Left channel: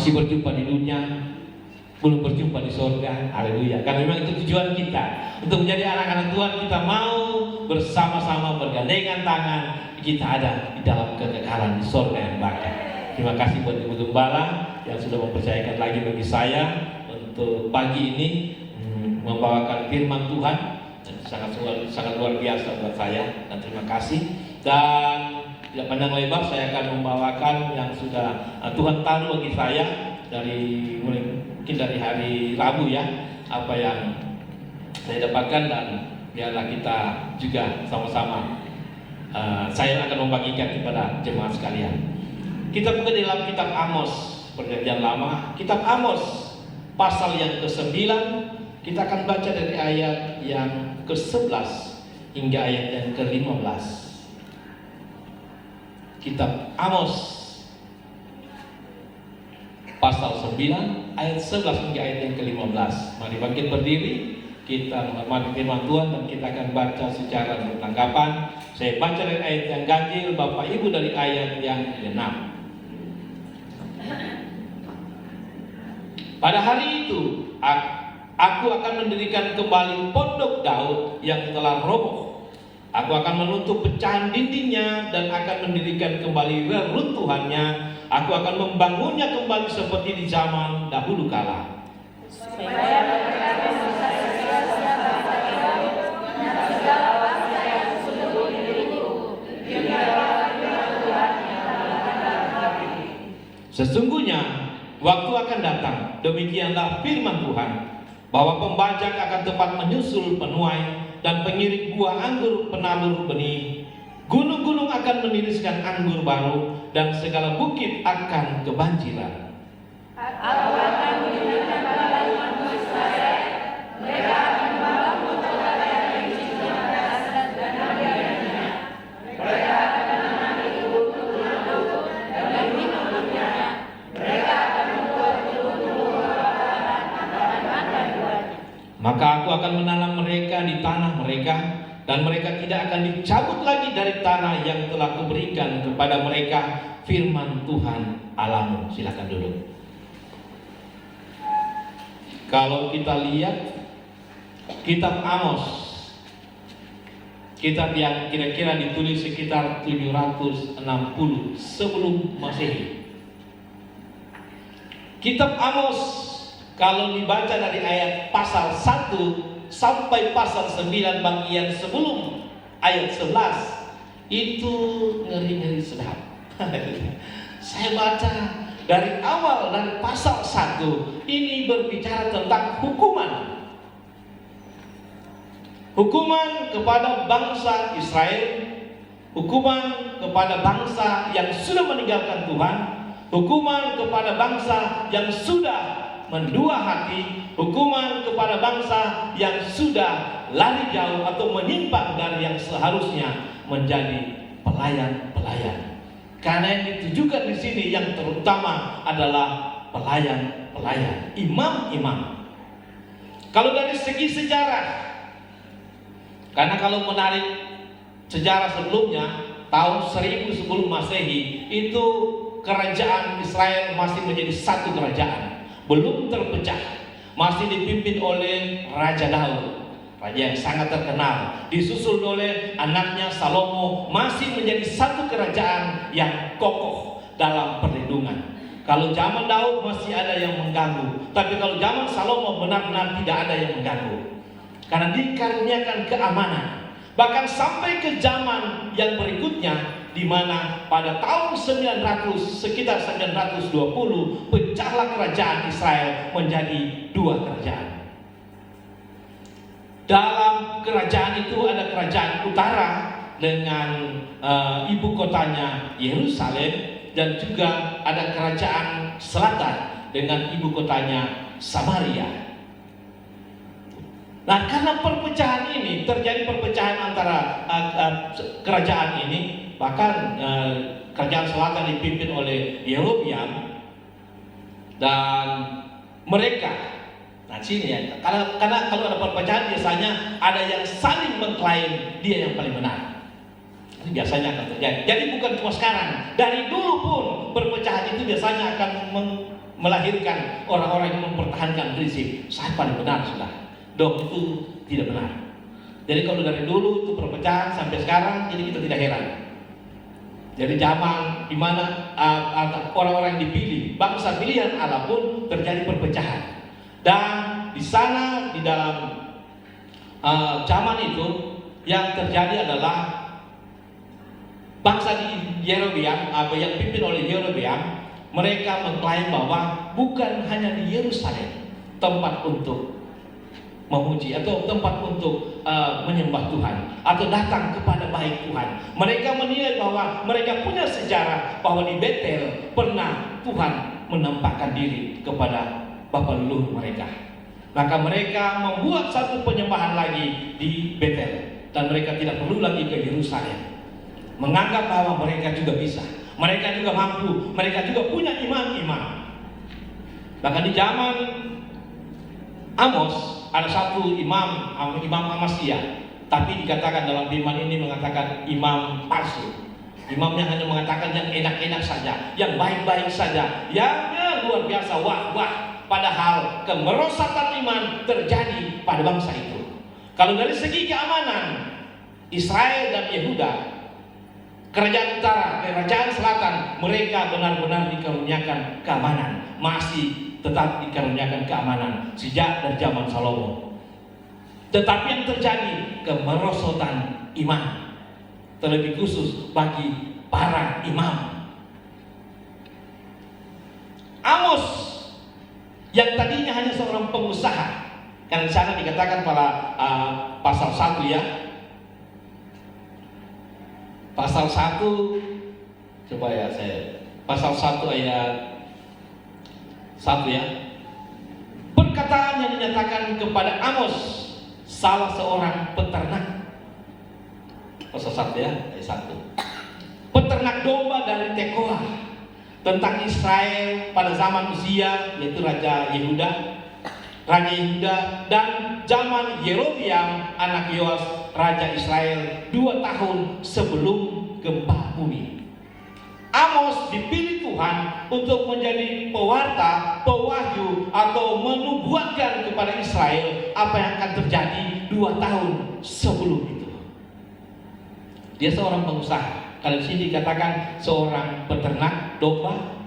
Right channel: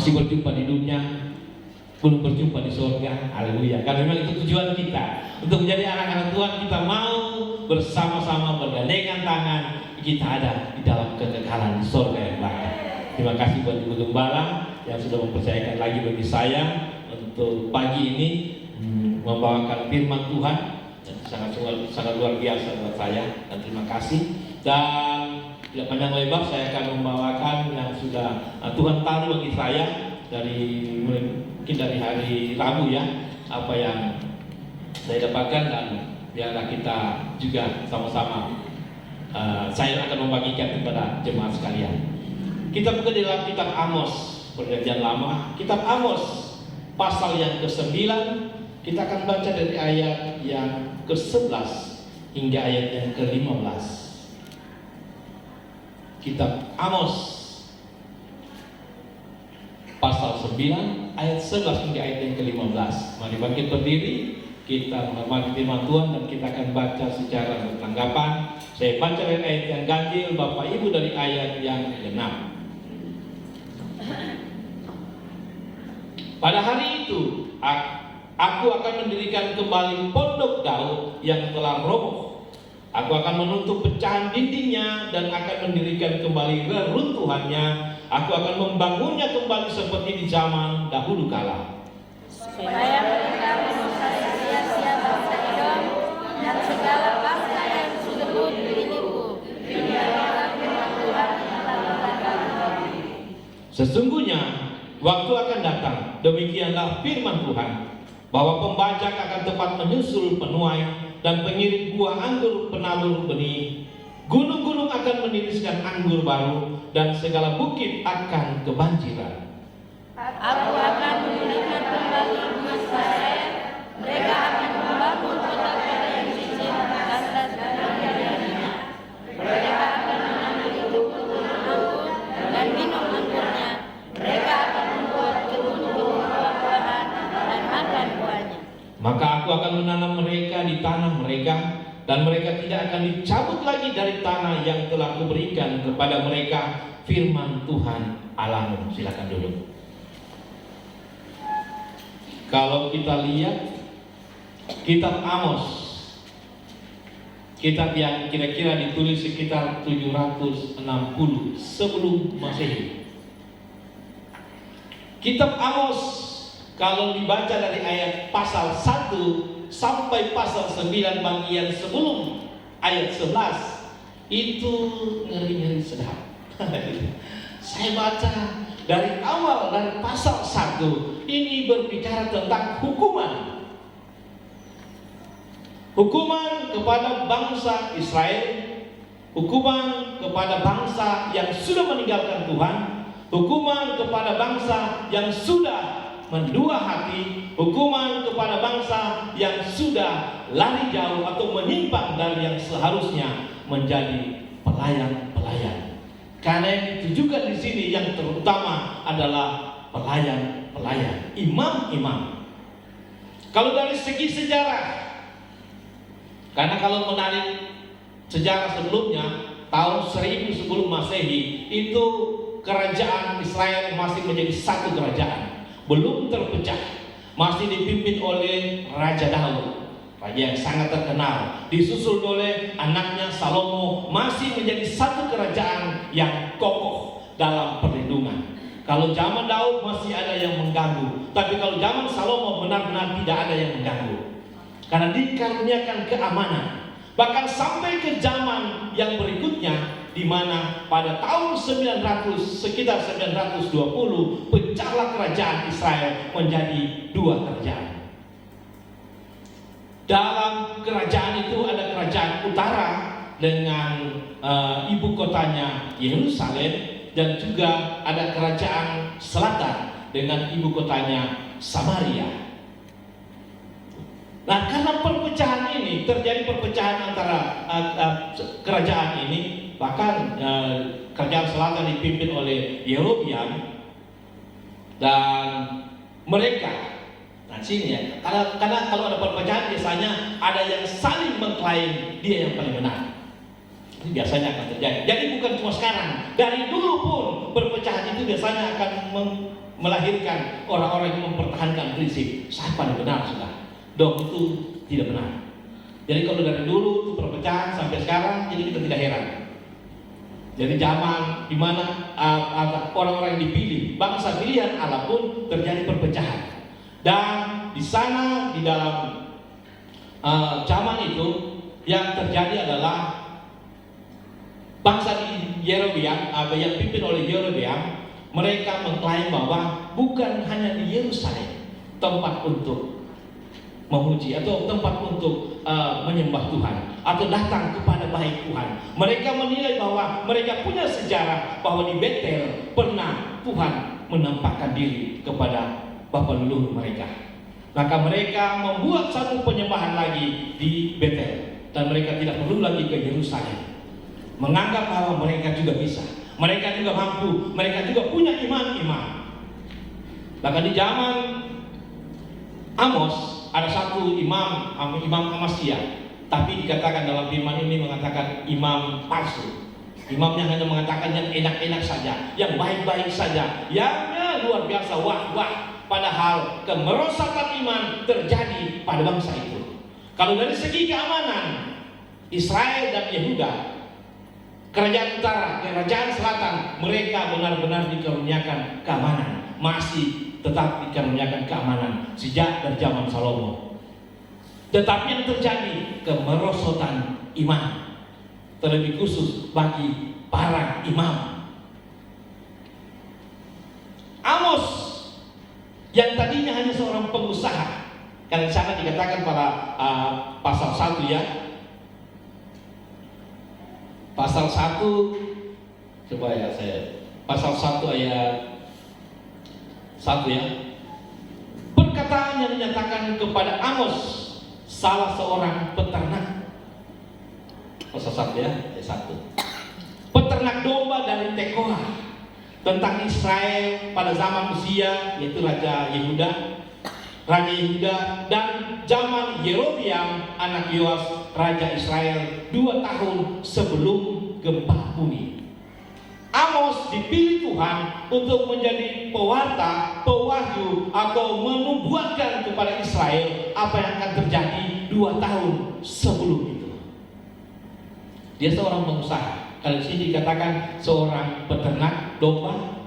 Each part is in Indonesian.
masih berjumpa di dunia, belum berjumpa di surga. Haleluya. Karena memang itu tujuan kita, untuk menjadi anak-anak Tuhan. Kita mau bersama-sama bergandengan tangan, kita ada di dalam kekekalan di surga yang baik. Terima kasih buat Ibu Gembala yang sudah mempercayakan lagi bagi saya untuk pagi ini membawakan firman Tuhan. Sangat luar biasa buat saya, dan terima kasih. Dan tidak pandang lebar, saya akan membawakan yang sudah Tuhan taruh bagi saya mungkin dari hari Rabu ya, apa yang saya dapatkan, dan biarlah kita juga sama-sama saya akan membagikan kepada jemaat sekalian. Kita buka di dalam kitab Amos, Perjanjian Lama, kitab Amos pasal yang ke-9. Kita akan baca dari ayat yang ke-11 hingga ayat yang ke-15. Kitab Amos pasal 9 ayat 11 hingga ayat yang ke-15. Mari bangkit berdiri, kita menghormati firman Tuhan, dan kita akan baca secara bertanggapan. Saya baca dari ayat yang ganjil, Bapak Ibu dari ayat yang ke-6. Pada hari itu aku akan mendirikan kembali pondok Daud yang telah roboh. Aku akan menutup pecahan dindingnya dan akan mendirikan kembali reruntuhannya. Aku akan membangunnya kembali seperti di zaman dahulu kala. Sesungguhnya waktu akan datang, demikianlah firman Tuhan, bahwa pembajak akan tepat menyusul penuai, dan pengirik buah anggur penabur benih. Gunung-gunung akan meniriskan anggur baru, dan segala bukit akan kebanjiran. Aku akan mendirikan kembali Israel. Mereka akan membangun kota yang dijaga dan membiarkannya. Mereka akan menanami kebun-kebun dan minum-minumnya. Mereka akan membuat kebun-kebun dan makan buahnya. Maka aku akan menanam mereka di tanah mereka, dan mereka tidak akan dicabut lagi dari tanah yang telah kuberikan kepada mereka. Firman Tuhan Allahmu. Silakan duduk. Kalau kita lihat kitab Amos, kitab yang kira-kira ditulis sekitar 760 sebelum Masehi. Kitab Amos kalau dibaca dari ayat pasal 1 sampai pasal 9 bagian sebelum ayat 11, itu ngeri-ngeri sedap. Saya baca dari awal, dari pasal 1 ini berbicara tentang hukuman. Hukuman kepada bangsa Israel, hukuman kepada bangsa yang sudah meninggalkan Tuhan, hukuman kepada bangsa yang sudah mendua hati, hukuman kepada bangsa yang sudah lari jauh atau menyimpang dari yang seharusnya menjadi pelayan-pelayan. Karena yang ditujukan di sini yang terutama adalah pelayan-pelayan, imam-imam. Kalau dari segi sejarah, karena kalau menarik sejarah sebelumnya, tahun 1000 sebelum Masehi, itu kerajaan Israel masih menjadi satu kerajaan, belum terpecah, masih dipimpin oleh Raja Daud, raja yang sangat terkenal, disusul oleh anaknya Salomo, masih menjadi satu kerajaan yang kokoh dalam perlindungan. Kalau zaman Daud masih ada yang mengganggu, tapi kalau zaman Salomo benar-benar tidak ada yang mengganggu, karena dikaruniakan keamanan. Bahkan sampai ke zaman yang berikutnya, di mana pada tahun 900, sekitar 920, pecahlah kerajaan Israel menjadi dua kerajaan. Dalam kerajaan itu ada kerajaan utara dengan ibu kotanya Yerusalem, dan juga ada kerajaan selatan dengan ibu kotanya Samaria. Nah, karena perpecahan ini, terjadi perpecahan antara kerajaan ini, bahkan kerajaan selatan dipimpin oleh Yerobeam, dan mereka, nah sini ya, karena kalau ada perpecahan biasanya ada yang saling mengklaim dia yang paling benar. Ini biasanya akan terjadi. Jadi bukan cuma sekarang, dari dulu pun perpecahan itu biasanya akan melahirkan orang-orang yang mempertahankan prinsip saya paling benar sudah. Dong itu tidak benar. Jadi kalau dari dulu itu perpecahan sampai sekarang, jadi kita tidak heran. Jadi zaman di mana orang-orang dipilih, bangsa pilihan Allah pun terjadi perpecahan. Dan di sana di dalam zaman itu yang terjadi adalah bangsa di Yerobeam, yang dipimpin oleh Yerobeam, mereka mengklaim bahwa bukan hanya di Yerusalem tempat untuk memuji atau tempat untuk menyembah Tuhan atau datang kepada baik Tuhan. Mereka menilai bahwa mereka punya sejarah bahwa di Betel pernah Tuhan menampakkan diri kepada bapa leluhur mereka. Maka mereka membuat satu penyembahan lagi di Betel dan mereka tidak perlu lagi ke Yerusalem. Menganggap bahwa mereka juga bisa, mereka juga mampu, mereka juga punya imam-imam. Bahkan di zaman Amos ada satu imam Amasya, tapi dikatakan dalam firman ini mengatakan imam palsu. Imamnya hanya mengatakan yang enak-enak saja, yang baik-baik saja, yang luar biasa, wah. Padahal kemerosotan iman terjadi pada bangsa itu. Kalau dari segi keamanan, Israel dan Yehuda, kerajaan utara, kerajaan selatan, mereka benar-benar dikaruniakan keamanan, masih tetap dikaruniakan keamanan sejak dari zaman Salomo. Tetapi yang terjadi kemerosotan iman, terlebih khusus bagi para imam. Amos yang tadinya hanya seorang pengusaha, karena di sana dikatakan pada pasal 1 ya, pasal 1, coba ya saya, pasal 1 ayat 1 ya. Perkataan yang dinyatakan kepada Amos, salah seorang peternak, pasal 1 ya, ayat 1. Peternak domba dari Tekoa, tentang Israel pada zaman Uzia, yaitu Raja Yehuda, dan zaman Yerobeam anak Yoas, Raja Israel 2 tahun sebelum gempa bumi. Amos dipilih Tuhan untuk menjadi pewarta, pewahyu atau menubuatkan kepada Israel apa yang akan terjadi 2 tahun sebelum itu. Dia seorang pengusaha. Kalau di sini dikatakan seorang peternak domba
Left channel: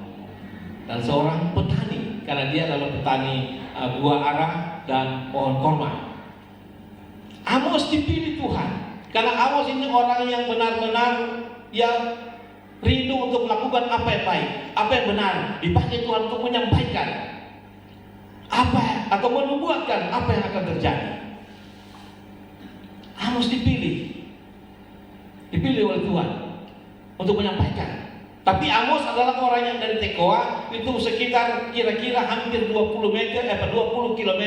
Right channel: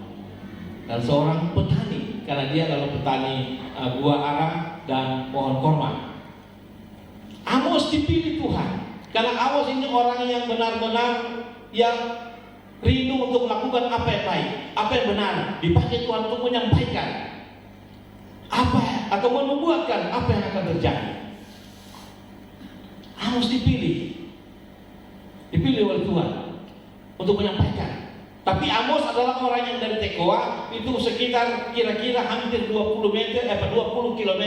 dan seorang petani, karena dia adalah petani buah arang dan pohon korma. Amos dipilih Tuhan karena Amos ini orang yang benar-benar yang rindu untuk melakukan apa yang baik, apa yang benar, dipakai Tuhan untuk menyampaikan apa atau menubuatkan apa yang akan terjadi. Amos dipilih oleh Tuhan untuk menyampaikan. Tapi Amos adalah orang yang dari Tekoa, itu sekitar kira-kira hampir 20 km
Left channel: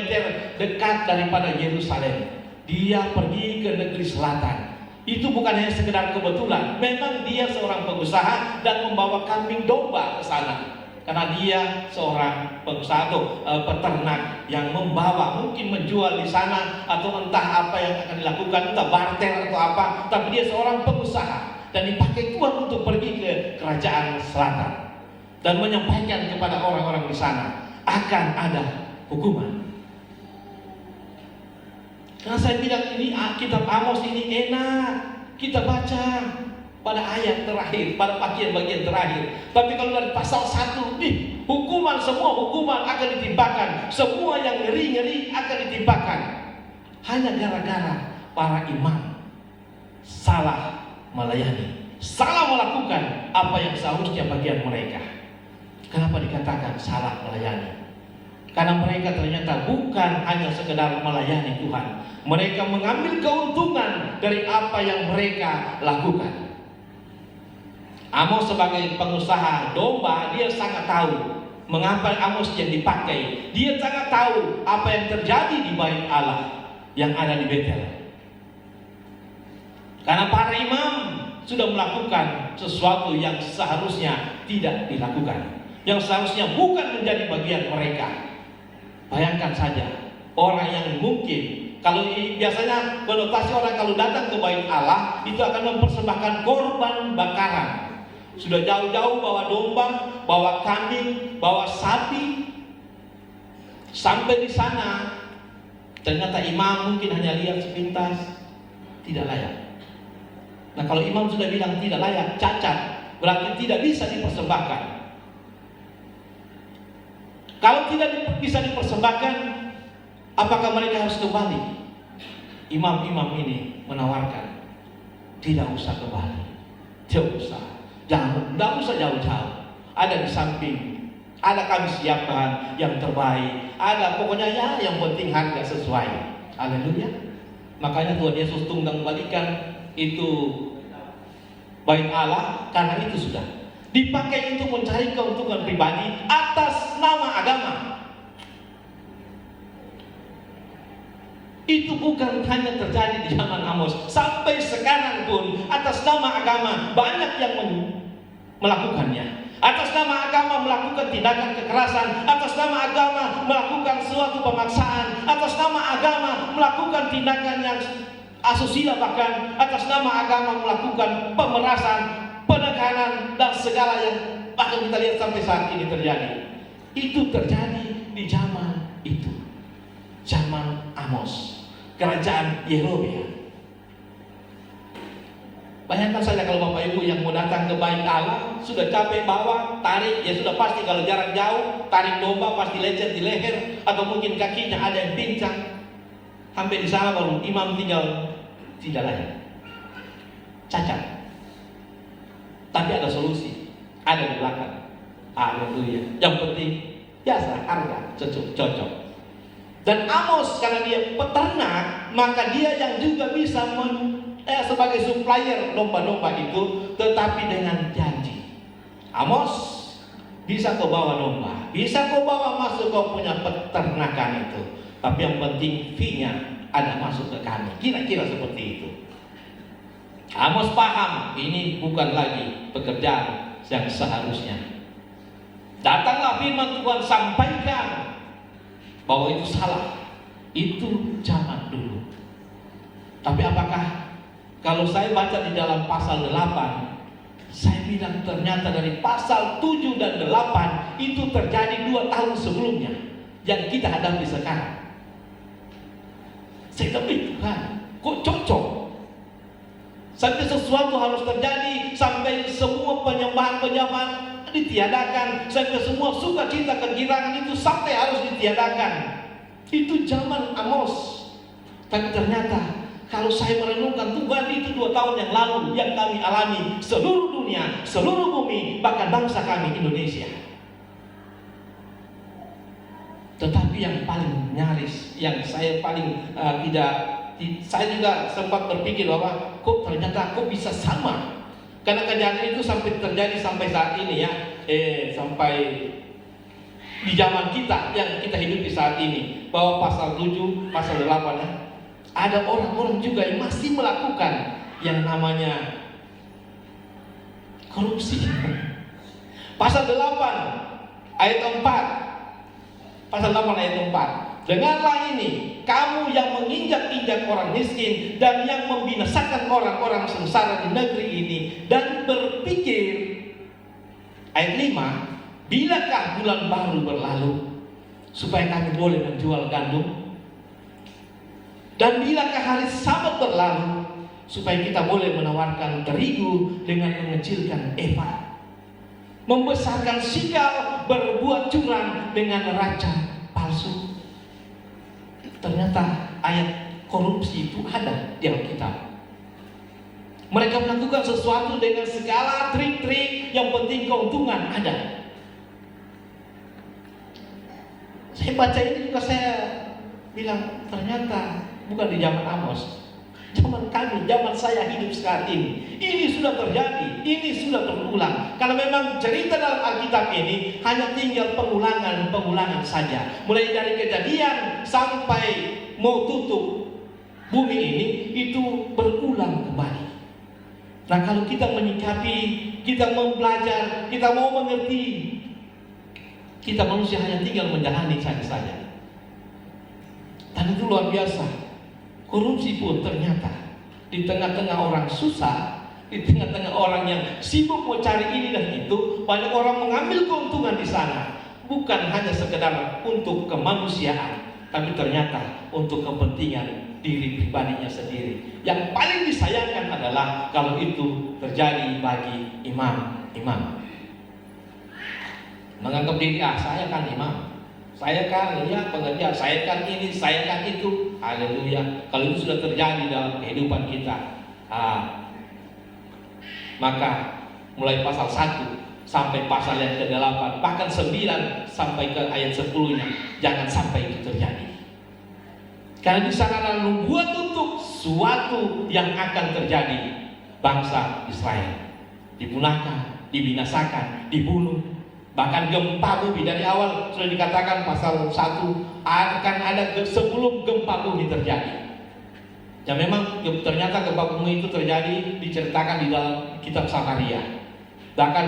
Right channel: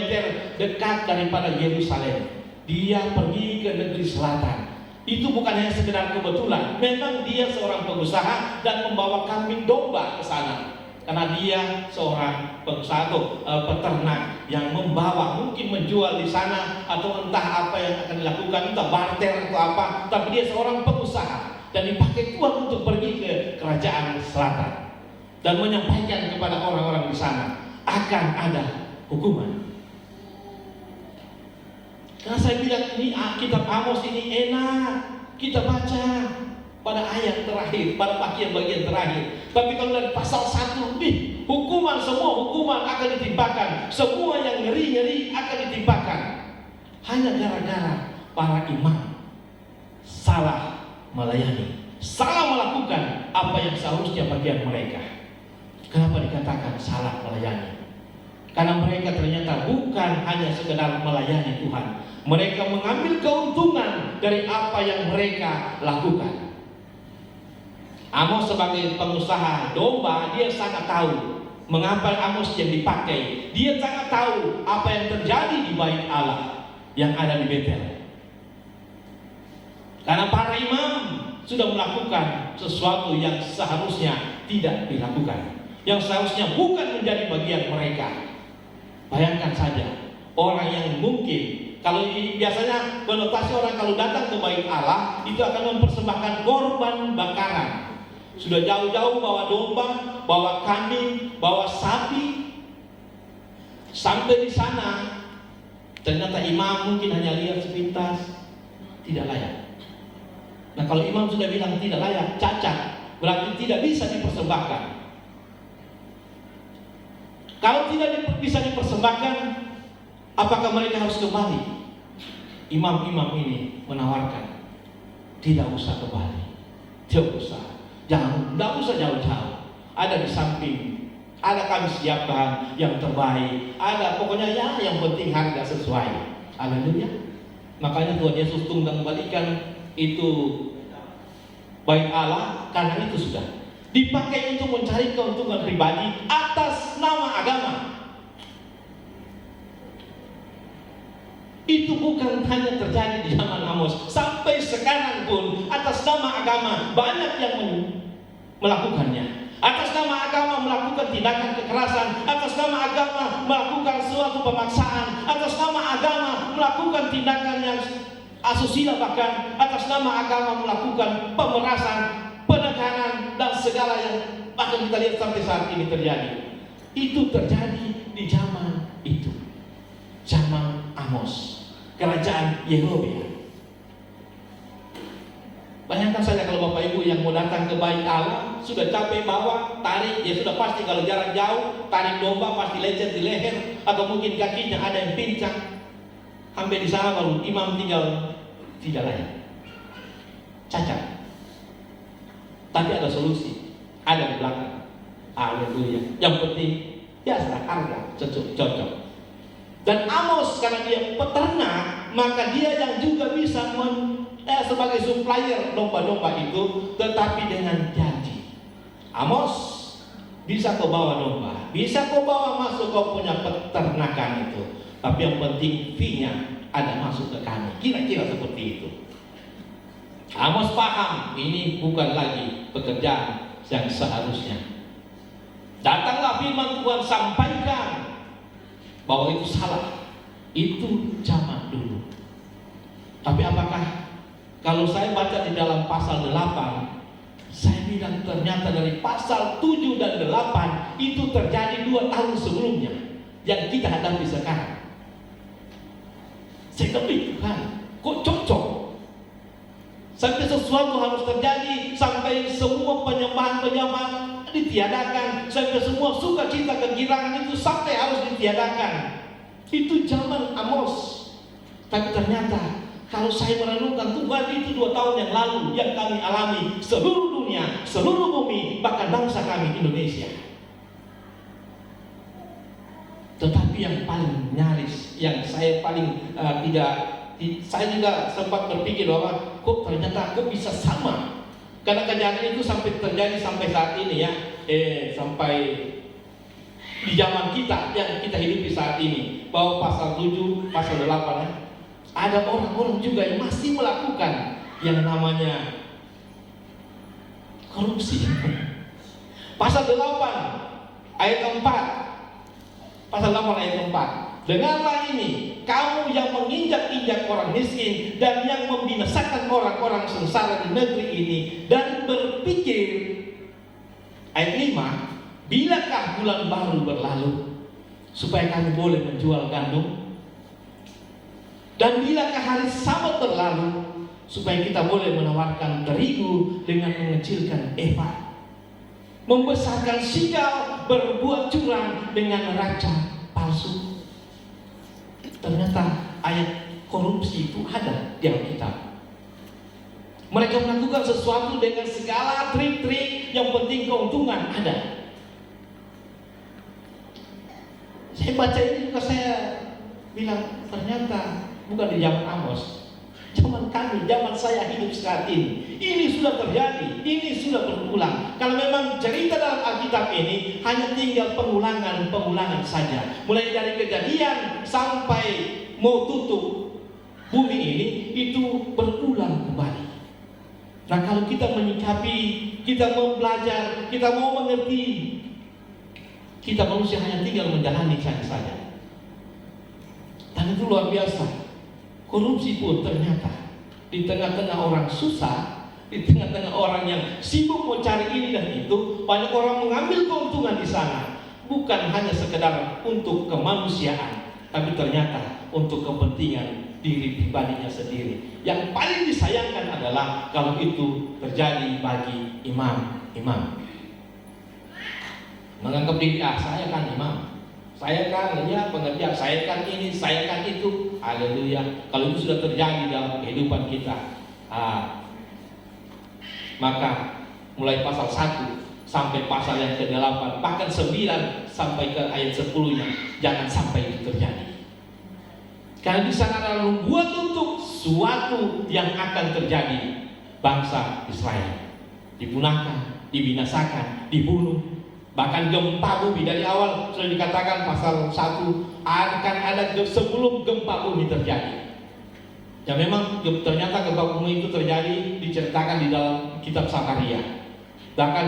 dekat daripada Yerusalem. Dia pergi ke negeri selatan. Itu bukan hanya sekedar kebetulan. Memang dia seorang pengusaha dan membawa kambing domba ke sana. Karena dia seorang pengusaha atau peternak yang membawa, mungkin menjual di sana atau entah apa yang akan dilakukan, entah barter atau apa. Tapi dia seorang pengusaha dan dipakai Tuhan untuk pergi ke kerajaan selatan dan menyampaikan kepada orang-orang di sana akan ada hukuman. Karena saya bilang ini kitab Amos ini enak kita baca pada ayat terakhir, pada bagian-bagian terakhir. Tapi kalau dari pasal 1 hukuman, semua hukuman akan ditimpakan, semua yang ngeri-ngeri akan ditimpakan. Hanya gara-gara para imam salah melayani, salah melakukan apa yang seharusnya bagian mereka. Kenapa dikatakan salah melayani? Karena mereka ternyata bukan hanya sekedar melayani Tuhan, mereka mengambil keuntungan dari apa yang mereka lakukan. Amos sebagai pengusaha domba, dia sangat tahu mengapa Amos yang dipakai. Dia sangat tahu apa yang terjadi di bait Allah yang ada di Betel. Karena para imam sudah melakukan sesuatu yang seharusnya tidak dilakukan, yang seharusnya bukan menjadi bagian mereka. Bayangkan saja orang yang mungkin, kalau biasanya konotasi orang kalau datang ke bait Allah itu akan mempersembahkan korban bakaran. Sudah jauh-jauh bawa domba, bawa kambing, bawa sapi. Sampai di sana, ternyata imam mungkin hanya lihat sepintas, tidak layak. Nah, kalau imam sudah bilang tidak layak, cacat, berarti tidak bisa dipersembahkan. Kalau tidak bisa dipersembahkan, apakah mereka harus kembali? Imam-imam ini menawarkan, tidak usah kembali, tidak usah. Tidak usah jauh-jauh. Ada di samping, ada kami siapkan yang terbaik. Ada pokoknya ya, yang penting harga sesuai. Haleluya. Makanya Tuhan Yesus tunggang balikan itu bait Allah, karena itu sudah dipakai untuk mencari keuntungan pribadi atas nama agama. Itu bukan hanya terjadi di zaman Amos, sampai sekarang pun atas nama agama banyak yang melakukannya. Atas nama agama melakukan tindakan kekerasan, atas nama agama melakukan suatu pemaksaan, atas nama agama melakukan tindakan yang asusila, bahkan atas nama agama melakukan pemerasan, penekanan, dan segala yang bahkan kita lihat sampai saat ini terjadi. Itu terjadi di zaman itu, zaman Amos, kerajaan Yerobeam. Bayangkan saja kalau Bapak Ibu yang mau datang ke bait Allah, sudah capek bawa, tarik, ya sudah pasti kalau jarak jauh, tarik domba pasti lecet di leher, atau mungkin kakinya ada yang pincang. Sampai di sana baru imam tinggal tidak layak, cacat. Tapi ada solusi, ada di belakang. Haleluya. Yang penting biasa harga cocok. Dan Amos karena dia peternak, maka dia yang juga bisa sebagai supplier domba-domba itu, tetapi dengan janji. Amos, bisa kau bawa domba, bisa kau bawa masuk kau punya peternakan itu, tapi yang penting fee-nya ada masuk ke kami. Kira-kira seperti itu. Amos paham ini bukan lagi pekerjaan yang seharusnya. Datanglah firman Tuhan, sampaikan bahwa itu salah, itu zaman dulu. Tapi apakah kalau saya baca di dalam pasal 8, saya bilang ternyata dari pasal 7 dan 8 itu terjadi 2 tahun sebelumnya yang kita hadapi sekarang. Saya pikirkan, kok cocok? Sampai sesuatu harus terjadi, sampai semua penyembahan ditiadakan, sampai semua sukacita kegirangan itu sampai harus ditiadakan. Itu zaman Amos. Tapi ternyata kalau saya merenungkan Tuhan, itu 2 tahun yang lalu yang kami alami seluruh dunia, seluruh bumi, bahkan bangsa kami Indonesia. Tetapi yang paling nyaris, yang saya paling saya juga sempat berpikir bahwa kok ternyata kok bisa sama. Karena kejadian itu sampai terjadi sampai saat ini ya, sampai di zaman kita yang kita hidupi saat ini, bahwa pasal 7, pasal 8 ya, ada orang-orang juga yang masih melakukan yang namanya korupsi. Pasal 8 ayat 4, pasal 8 ayat 4. Dengarlah ini, kamu yang menginjak-injak orang miskin dan yang membinasakan orang-orang sengsara di negeri ini, dan berpikir, ayat 5, bilakah bulan baru berlalu supaya kami boleh menjual gandum? Dan bilakah hari Sabat berlalu supaya kita boleh menawarkan terigu dengan mengecilkan efa, membesarkan sikap, berbuat curang dengan neraca palsu? Ternyata ayat korupsi itu ada di Alkitab. Mereka melakukan sesuatu dengan segala trik-trik, yang penting keuntungan ada. Saya baca ini juga saya bilang ternyata bukan di zaman Amos, zaman kami, zaman saya hidup saat ini sudah terjadi, ini sudah berulang. Kalau memang cerita dalam Alkitab ini hanya tinggal pengulangan saja, mulai dari Kejadian sampai mau tutup bumi ini, itu berulang kembali. Nah, kalau kita menyikapi, kita mau belajar, kita mau mengerti, kita manusia hanya tinggal menjalani saja. Dan itu luar biasa. Korupsi pun ternyata di tengah-tengah orang susah, Di tengah-tengah orang yang sibuk mau cari ini dan itu, banyak orang mengambil keuntungan di sana. Bukan hanya sekedar untuk kemanusiaan, tapi ternyata untuk kepentingan diri pribadinya sendiri. Yang paling disayangkan adalah kalau itu terjadi bagi imam-imam. Menganggap diri, saya kan imam, saya kan pengertian, saya kan ini, saya kan itu. Haleluya. Kalau itu sudah terjadi dalam kehidupan kita, maka mulai pasal 1 sampai pasal yang ke-8, bahkan 9 sampai ke ayat 10-nya, jangan sampai itu terjadi. Karena di sana adalah membuat untuk suatu yang akan terjadi. Bangsa Israel dipunahkan, dibinasakan, dibunuh. Bahkan gempa bumi dari awal sudah dikatakan pasal 1 akan ada sebelum gempa bumi terjadi. Ya memang ternyata gempa bumi itu terjadi, diceritakan di dalam kitab Sakaria. Bahkan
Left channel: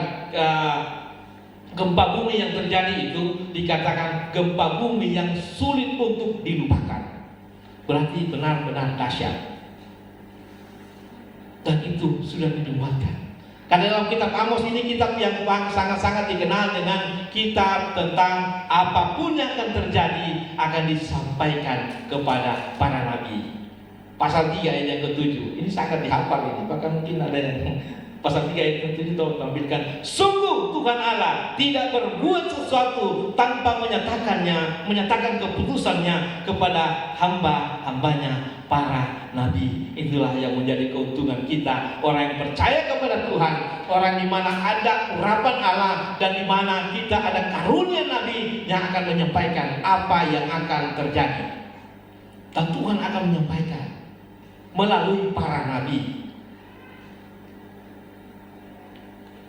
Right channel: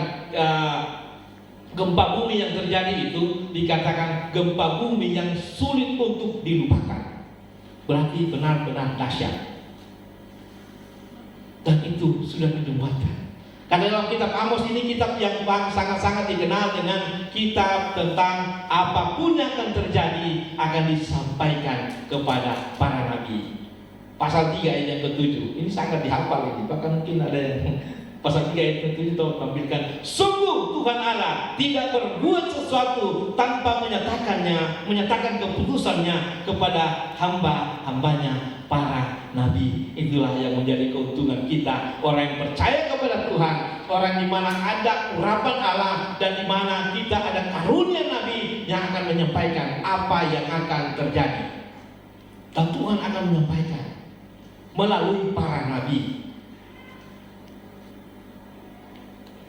gempa bumi yang terjadi itu dikatakan gempa bumi yang sulit untuk dilupakan. Berarti benar-benar dahsyat. Dan itu sudah menyebabkan. Karena dalam kitab Amos ini kitab yang sangat-sangat dikenal dengan kitab tentang apapun yang akan terjadi akan disampaikan kepada para nabi. Pasal 3 ayat yang ke-7 ini sangat dihafal ini. Bahkan mungkin ada yang pasal 3 ayat ke-7 itu menampilkan, sungguh Tuhan Allah tidak berbuat sesuatu tanpa menyatakan keputusannya kepada hamba-hambanya para nabi. Itulah yang menjadi keuntungan kita, orang yang percaya kepada Tuhan, orang di mana ada urapan Allah dan di mana kita ada karunia nabi yang akan menyampaikan apa yang akan terjadi. Dan Tuhan akan menyampaikan melalui para nabi.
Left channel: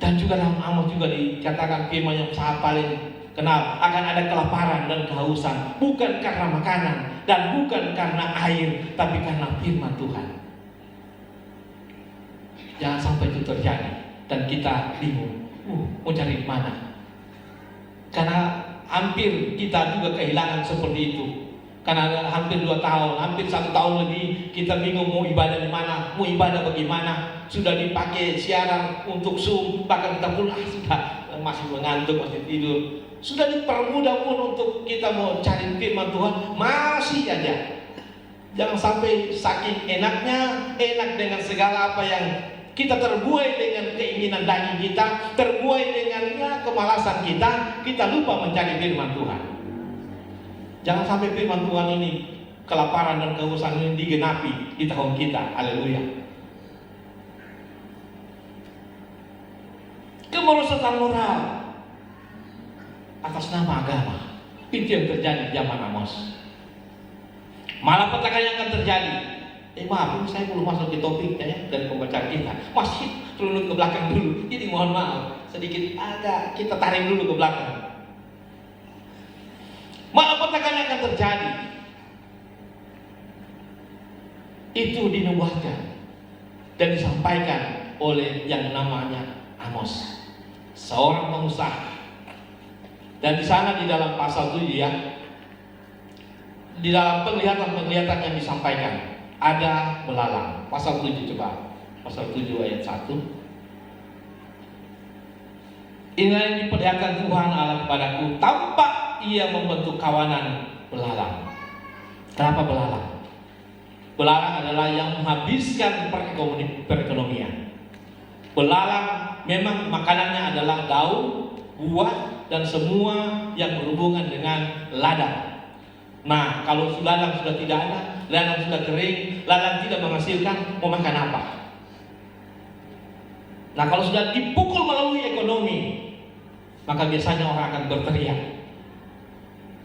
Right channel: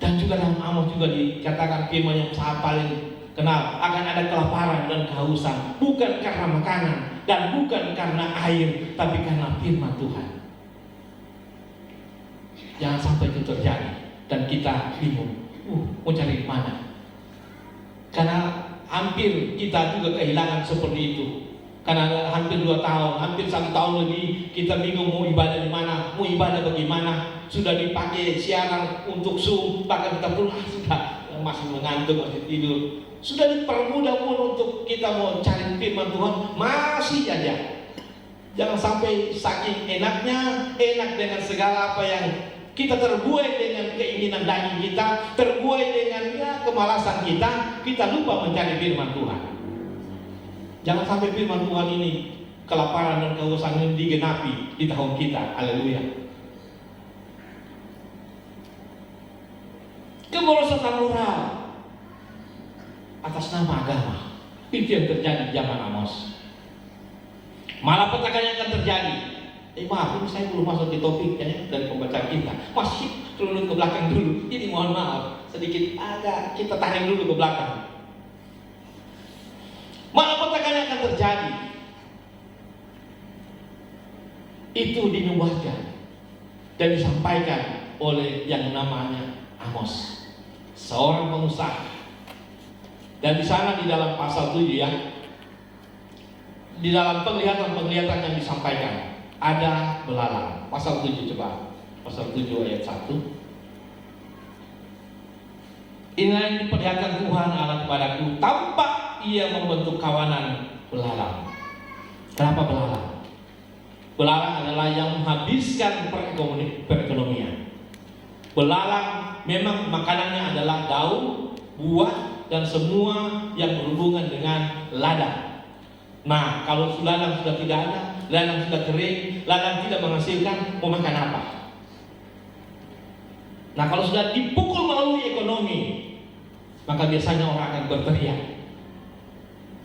Dan juga dalam Amos juga dikatakan firman yang saya paling kenal, akan ada kelaparan dan kehausan, bukan karena makanan dan bukan karena air, tapi karena firman Tuhan. Jangan sampai itu terjadi dan kita bingung, mau cari di mana? Karena hampir kita juga kehilangan seperti itu. Karena hampir 2 tahun, hampir 1 tahun lebih kita bingung mau ibadah di mana, mau ibadah bagaimana. Sudah dipakai siaran untuk Zoom, bahkan kita pun sudah masih mengantuk, masih tidur. Sudah dipermudah pun untuk kita mau cari firman Tuhan, masih aja. Jangan sampai saking enaknya, enak dengan segala apa yang kita terbuai dengan keinginan daging kita, terbuai dengan kemalasan kita lupa mencari firman Tuhan. Jangan sampai firman Tuhan ini, kelaparan dan kehausan ini digenapi di tahun kita. Haleluya. Kemerosotan moral atas nama agama, itu yang terjadi di zaman Amos. Malapetaka yang akan terjadi. Maaf, ini saya belum masuk di topik dari pembacaan kita. Masih turun ke belakang dulu. Jadi mohon maaf, sedikit agak kita tarik dulu ke belakang. Malapetaka yang akan terjadi itu dinubuatkan dan disampaikan oleh yang namanya Amos, seorang pengusaha. Dan di sana di dalam pasal 7 di dalam penglihatan yang disampaikan ada belalang. Pasal 7 coba, pasal 7 ayat 1. Inilah yang diperlihatkan Tuhan Allah kepadaku, tampak ia membentuk kawanan belalang. Kenapa belalang? Belalang adalah yang menghabiskan perekonomian. Belalang memang makanannya adalah daun, buah, dan semua yang berhubungan dengan ladang. Nah, kalau ladang sudah tidak ada, ladang sudah kering, ladang tidak menghasilkan, mau makan apa? Nah, kalau sudah dipukul melalui ekonomi, maka biasanya orang akan berteriak.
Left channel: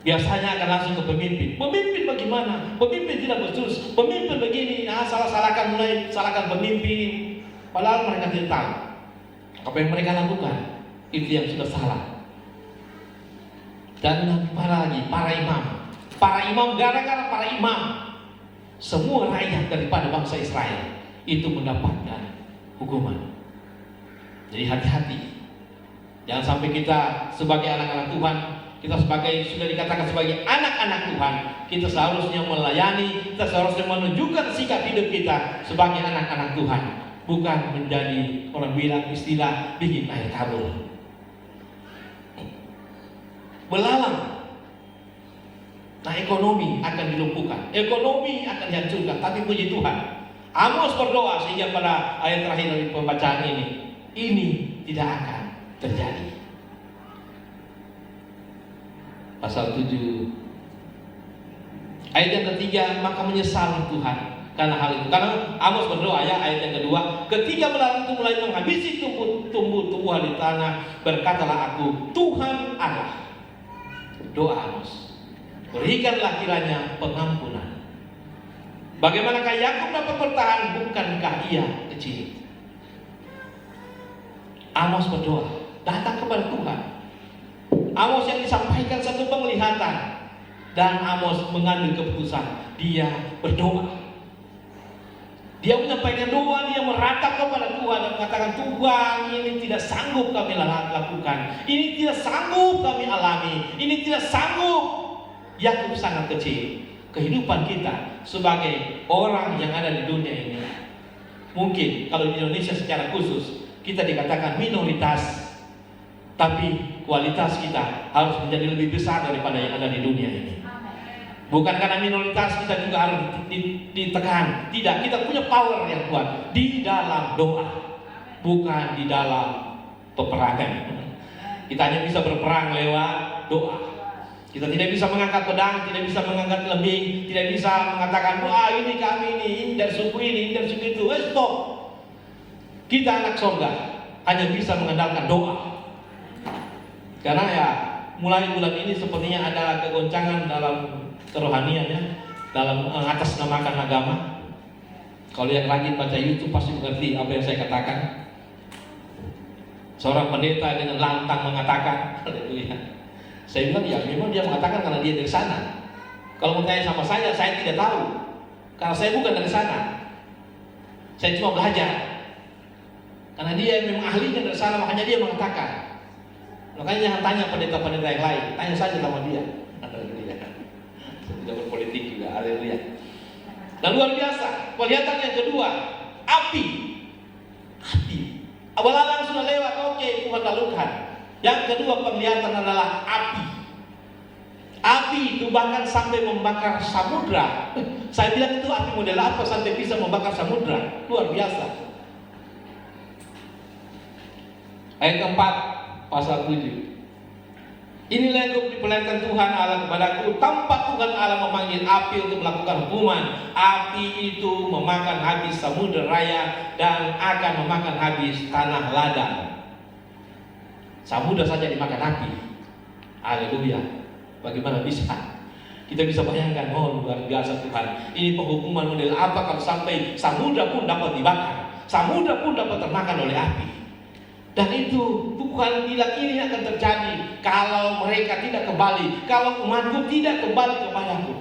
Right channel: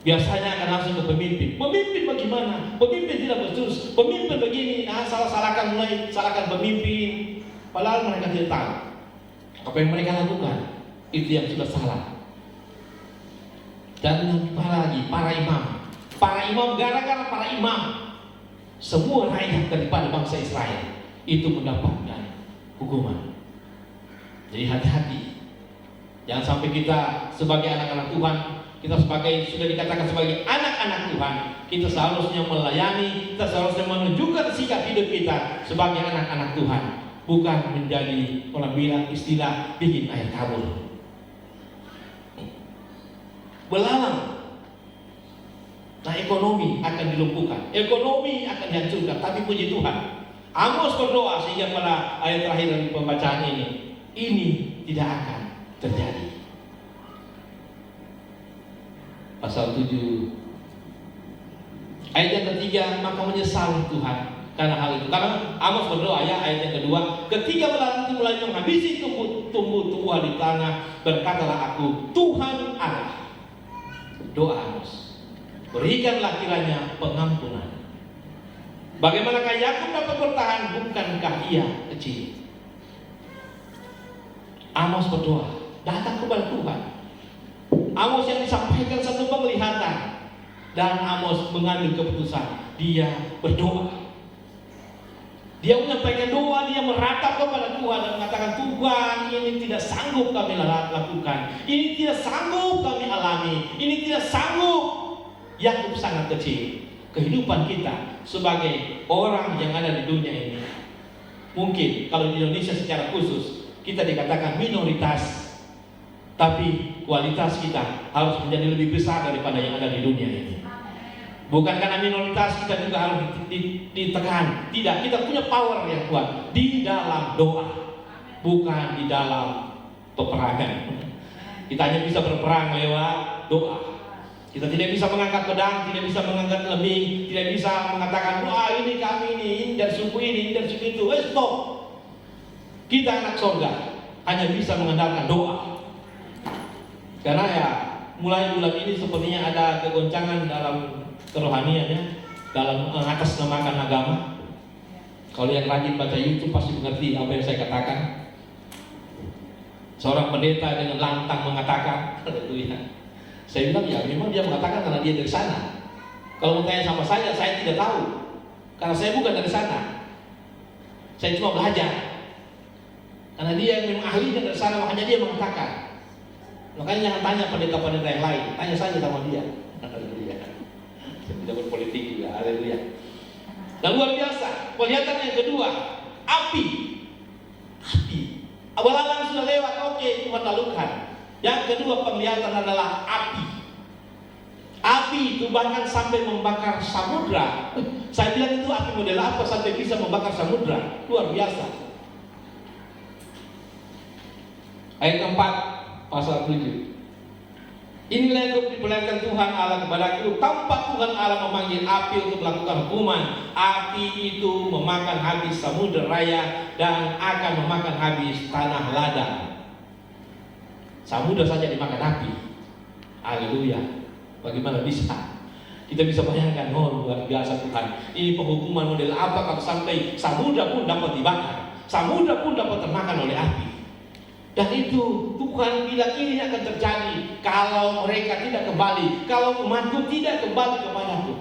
Biasanya akan langsung ke pemimpin. Pemimpin bagaimana? Pemimpin tidak berterus. Pemimpin begini, salahkan pemimpin. Padahal mereka tidak tahu apa yang mereka lakukan. Itu yang sudah salah. Dan para imam, gara-gara para imam, semua rakyat daripada bangsa Israel itu mendapatkan hukuman. Jadi hati-hati. Jangan sampai kita sebagai anak-anak Tuhan, kita sudah dikatakan sebagai anak-anak Tuhan, kita seharusnya melayani, kita seharusnya menunjukkan sikap hidup kita sebagai anak-anak Tuhan. bukan menjadi orang bilang istilah bikin air kabel. Belalang. Nah, ekonomi akan dilumpuhkan, ekonomi akan dihancurkan. Tapi puji Tuhan, Amos berdoa sehingga pada ayat terakhir dari pembacaan ini tidak akan terjadi. Pasal 7 ayat yang ketiga, maka menyesal Tuhan karena hal itu. Karena Amos berdoa ya, ayat yang kedua, ketika belalang itu mulai menghabisi tumbuh-tumbuhan di tanah, berkatalah aku, Tuhan Allah. Doa Amos, berikanlah kiranya pengampunan. Bagaimanakah Yakub dapat bertahan? Bukankah ia kecil? Amos berdoa, datang kepada Tuhan. Amos yang disampaikan satu penglihatan, dan Amos mengambil keputusan. Dia berdoa. Dia menyampaikan doa, dia meratap kepada Tuhan dan mengatakan, Tuhan, ini tidak sanggup kami lakukan, ini tidak sanggup kami alami, ini tidak sanggup. Yakub sangat kecil. Kehidupan kita sebagai orang yang ada di dunia ini, mungkin kalau di Indonesia secara khusus kita dikatakan minoritas, tapi kualitas kita harus menjadi lebih besar daripada yang ada di dunia ini. Bukan karena minoritas kita juga harus ditekan. Tidak, kita punya power yang kuat di dalam doa, bukan di dalam peperangan. Kita hanya bisa berperang lewat doa. Kita tidak bisa mengangkat pedang, tidak bisa mengangkat lembing, tidak bisa mengatakan, wah ini kami ini dari suku ini dari suku itu. Stop. Kita anak surga hanya bisa mengandalkan doa. Karena ya mulai bulan ini sepertinya ada kegoncangan dalam kerohaniannya, dalam mengatasnamakan agama. Kalau yang rajin baca YouTube pasti mengerti apa yang saya katakan. Seorang pendeta dengan lantang mengatakan, saya bilang ya memang dia mengatakan karena dia dari sana. Kalau bertanya sama saya tidak tahu, karena saya bukan dari sana. Saya cuma belajar. Karena dia memang ahlinya dari sana, makanya dia mengatakan. Makanya jangan tanya pendeta-pendeta yang lain, tanya saja sama dia. Tidak berpolitik juga, haleluya. Dan luar biasa, kelihatan yang kedua, api. Belalang sudah lewat, oke, Tuhan lakukan. Yang kedua penglihatan adalah api. Api itu bahkan sampai membakar samudra. Saya bilang itu api model apa sampai bisa membakar samudra? Luar biasa. Ayat keempat, pasal 7. Inilah yang diperlihatkan Tuhan Allah kepadaku, tampak Tuhan Allah memanggil api untuk melakukan hukuman. Api itu memakan habis samudera raya dan akan memakan habis tanah ladang. Samudera saja dimakan api. Haleluya. Bagaimana bisa? Kita bisa bayangkan, oh luar biasa Tuhan. Ini penghukuman model apa kalau sampai samudera pun dapat dibakar, samudera pun dapat termakan oleh api. Dan itu Tuhan bilang ini akan terjadi kalau mereka tidak kembali, kalau umatku tidak kembali kepadaku.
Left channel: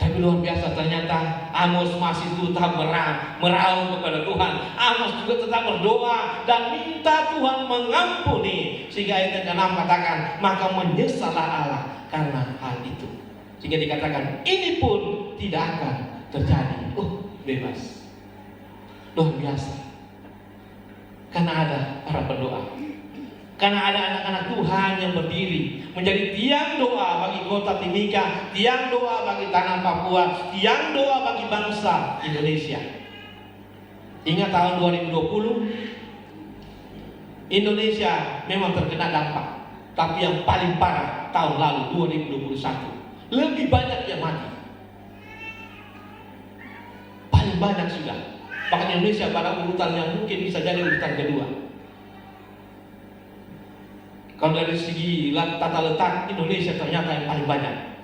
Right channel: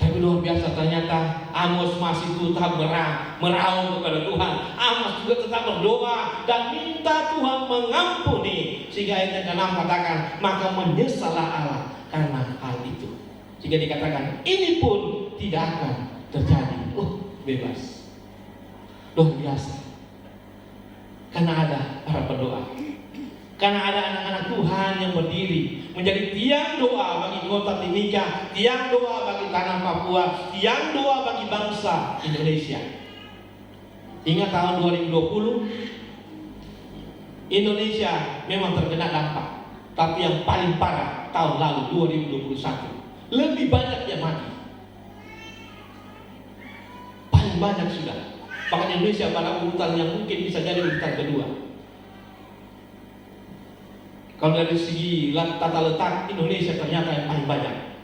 Tapi luar biasa ternyata Amos masih tetap meraung kepada Tuhan. Amos juga tetap berdoa dan minta Tuhan mengampuni. Sehingga ayat yang ke-6 katakan, maka menyesallah Allah karena hal itu. Sehingga dikatakan ini pun tidak akan terjadi. Bebas. Luar biasa. Karena ada para pendoa, karena ada anak-anak Tuhan yang berdiri menjadi tiang doa bagi kota Timika, tiang doa bagi tanah Papua, tiang doa bagi bangsa Indonesia. Ingat tahun 2020 Indonesia memang terkena dampak, tapi yang paling parah tahun lalu 2021 lebih banyak yang mati, paling banyak sudah. Bahkan Indonesia pada urutan yang mungkin bisa jadi urutan kedua. Kalau dari segi tata letak, Indonesia ternyata yang paling banyak.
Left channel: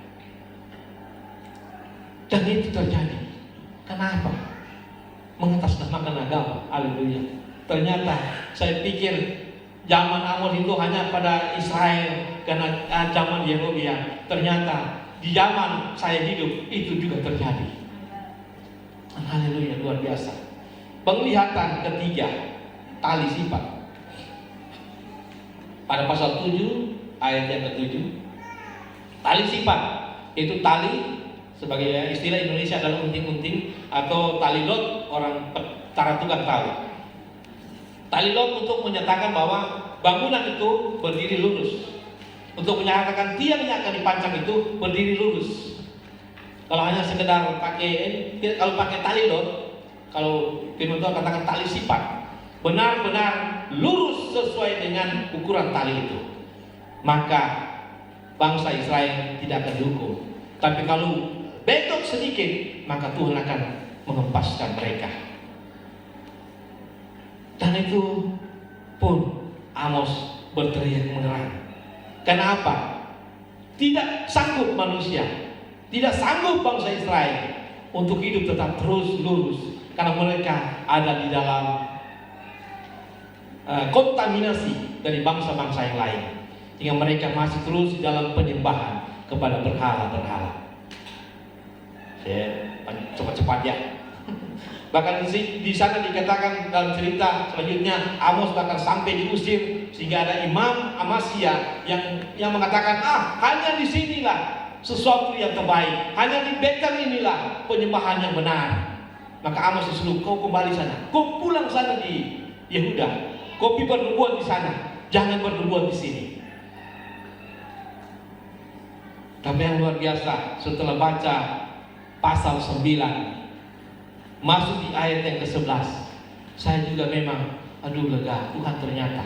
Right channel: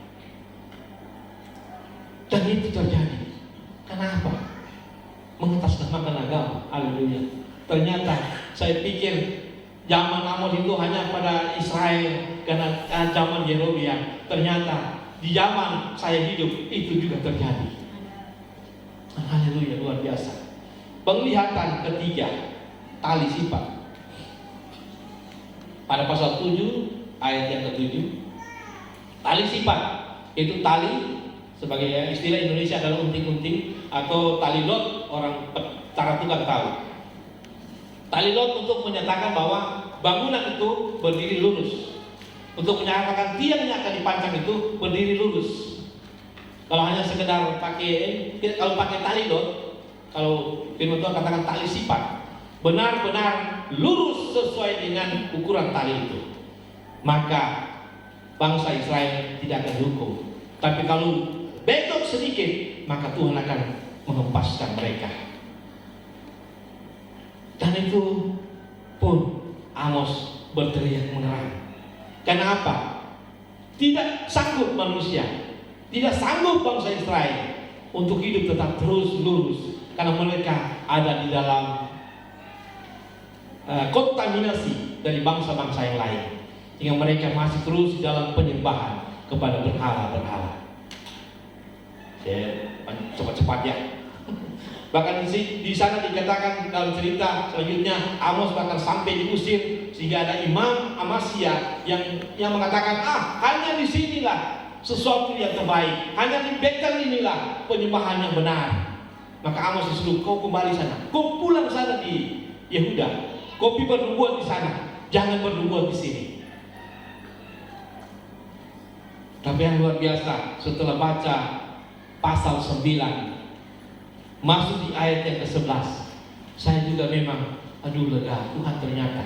Dan itu terjadi. Kenapa? Mengatasnamakan agama. Haleluya. Ternyata saya pikir zaman Amos itu hanya pada Israel karena zaman Yehovah. Ternyata di zaman saya hidup itu juga terjadi. Haleluya, luar biasa. Penglihatan ketiga, tali sifat. Pada pasal 7 ayat yang ke-7, tali sifat itu tali Sebagai istilah Indonesia adalah unting-unting atau talidot, orang cara tukang tahu. Talidot untuk menyatakan bahwa bangunan itu berdiri lurus, untuk menyatakan tiang yang akan dipasang itu berdiri lurus. Kalau hanya sekedar kalau pakai talidot, kalau firman Tuhan katakan tali sifat, benar-benar lurus sesuai dengan ukuran tali itu, maka bangsa Israel tidak akan dihukum. Tapi kalau bengkok sedikit, maka Tuhan akan menghempaskan mereka. Dan itu pun Amos berteriak mengerang. Kenapa? Tidak sanggup manusia, tidak sanggup bangsa Israel untuk hidup tetap terus lurus, karena mereka ada di dalam kontaminasi dari bangsa-bangsa yang lain, sehingga mereka masih terus dalam penyembahan kepada berhala-berhala. Cepat-cepat ya. Bahkan di sana dikatakan dalam cerita selanjutnya, Amos bahkan sampai diusir, sehingga ada imam Amasya yang mengatakan, hanya di sinilah sesuatu yang terbaik, hanya di Betel inilah penyembahan yang benar. Maka Amos disuruh, kau kembali sana, kau pulang sana di Yehuda, kau bernubuat di sana, jangan bernubuat di sini. Tapi yang luar biasa, setelah baca pasal 9 masuk di ayat yang ke-11, saya juga memang lega, Tuhan ternyata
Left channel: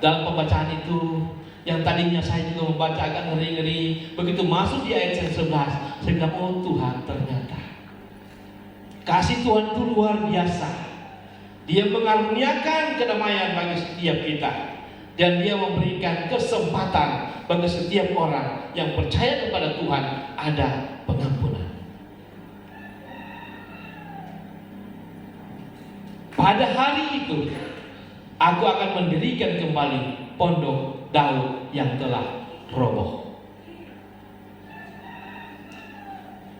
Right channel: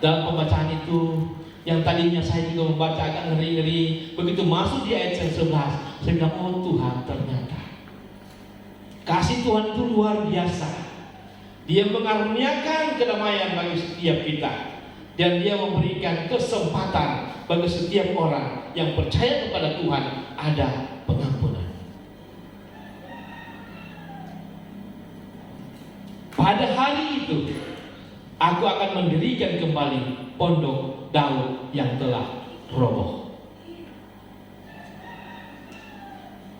dalam pembacaan itu yang tadinya saya juga membaca agak ngeri-ngeri, begitu masuk di ayat yang 11 saya bilang, oh Tuhan ternyata kasih Tuhan itu luar biasa. Dia mengaruniakan kedamaian bagi setiap kita, dan Dia memberikan kesempatan bagi setiap orang yang percaya kepada Tuhan ada pengampunan. Pada hari itu aku akan mendirikan kembali pondok Daud yang telah roboh.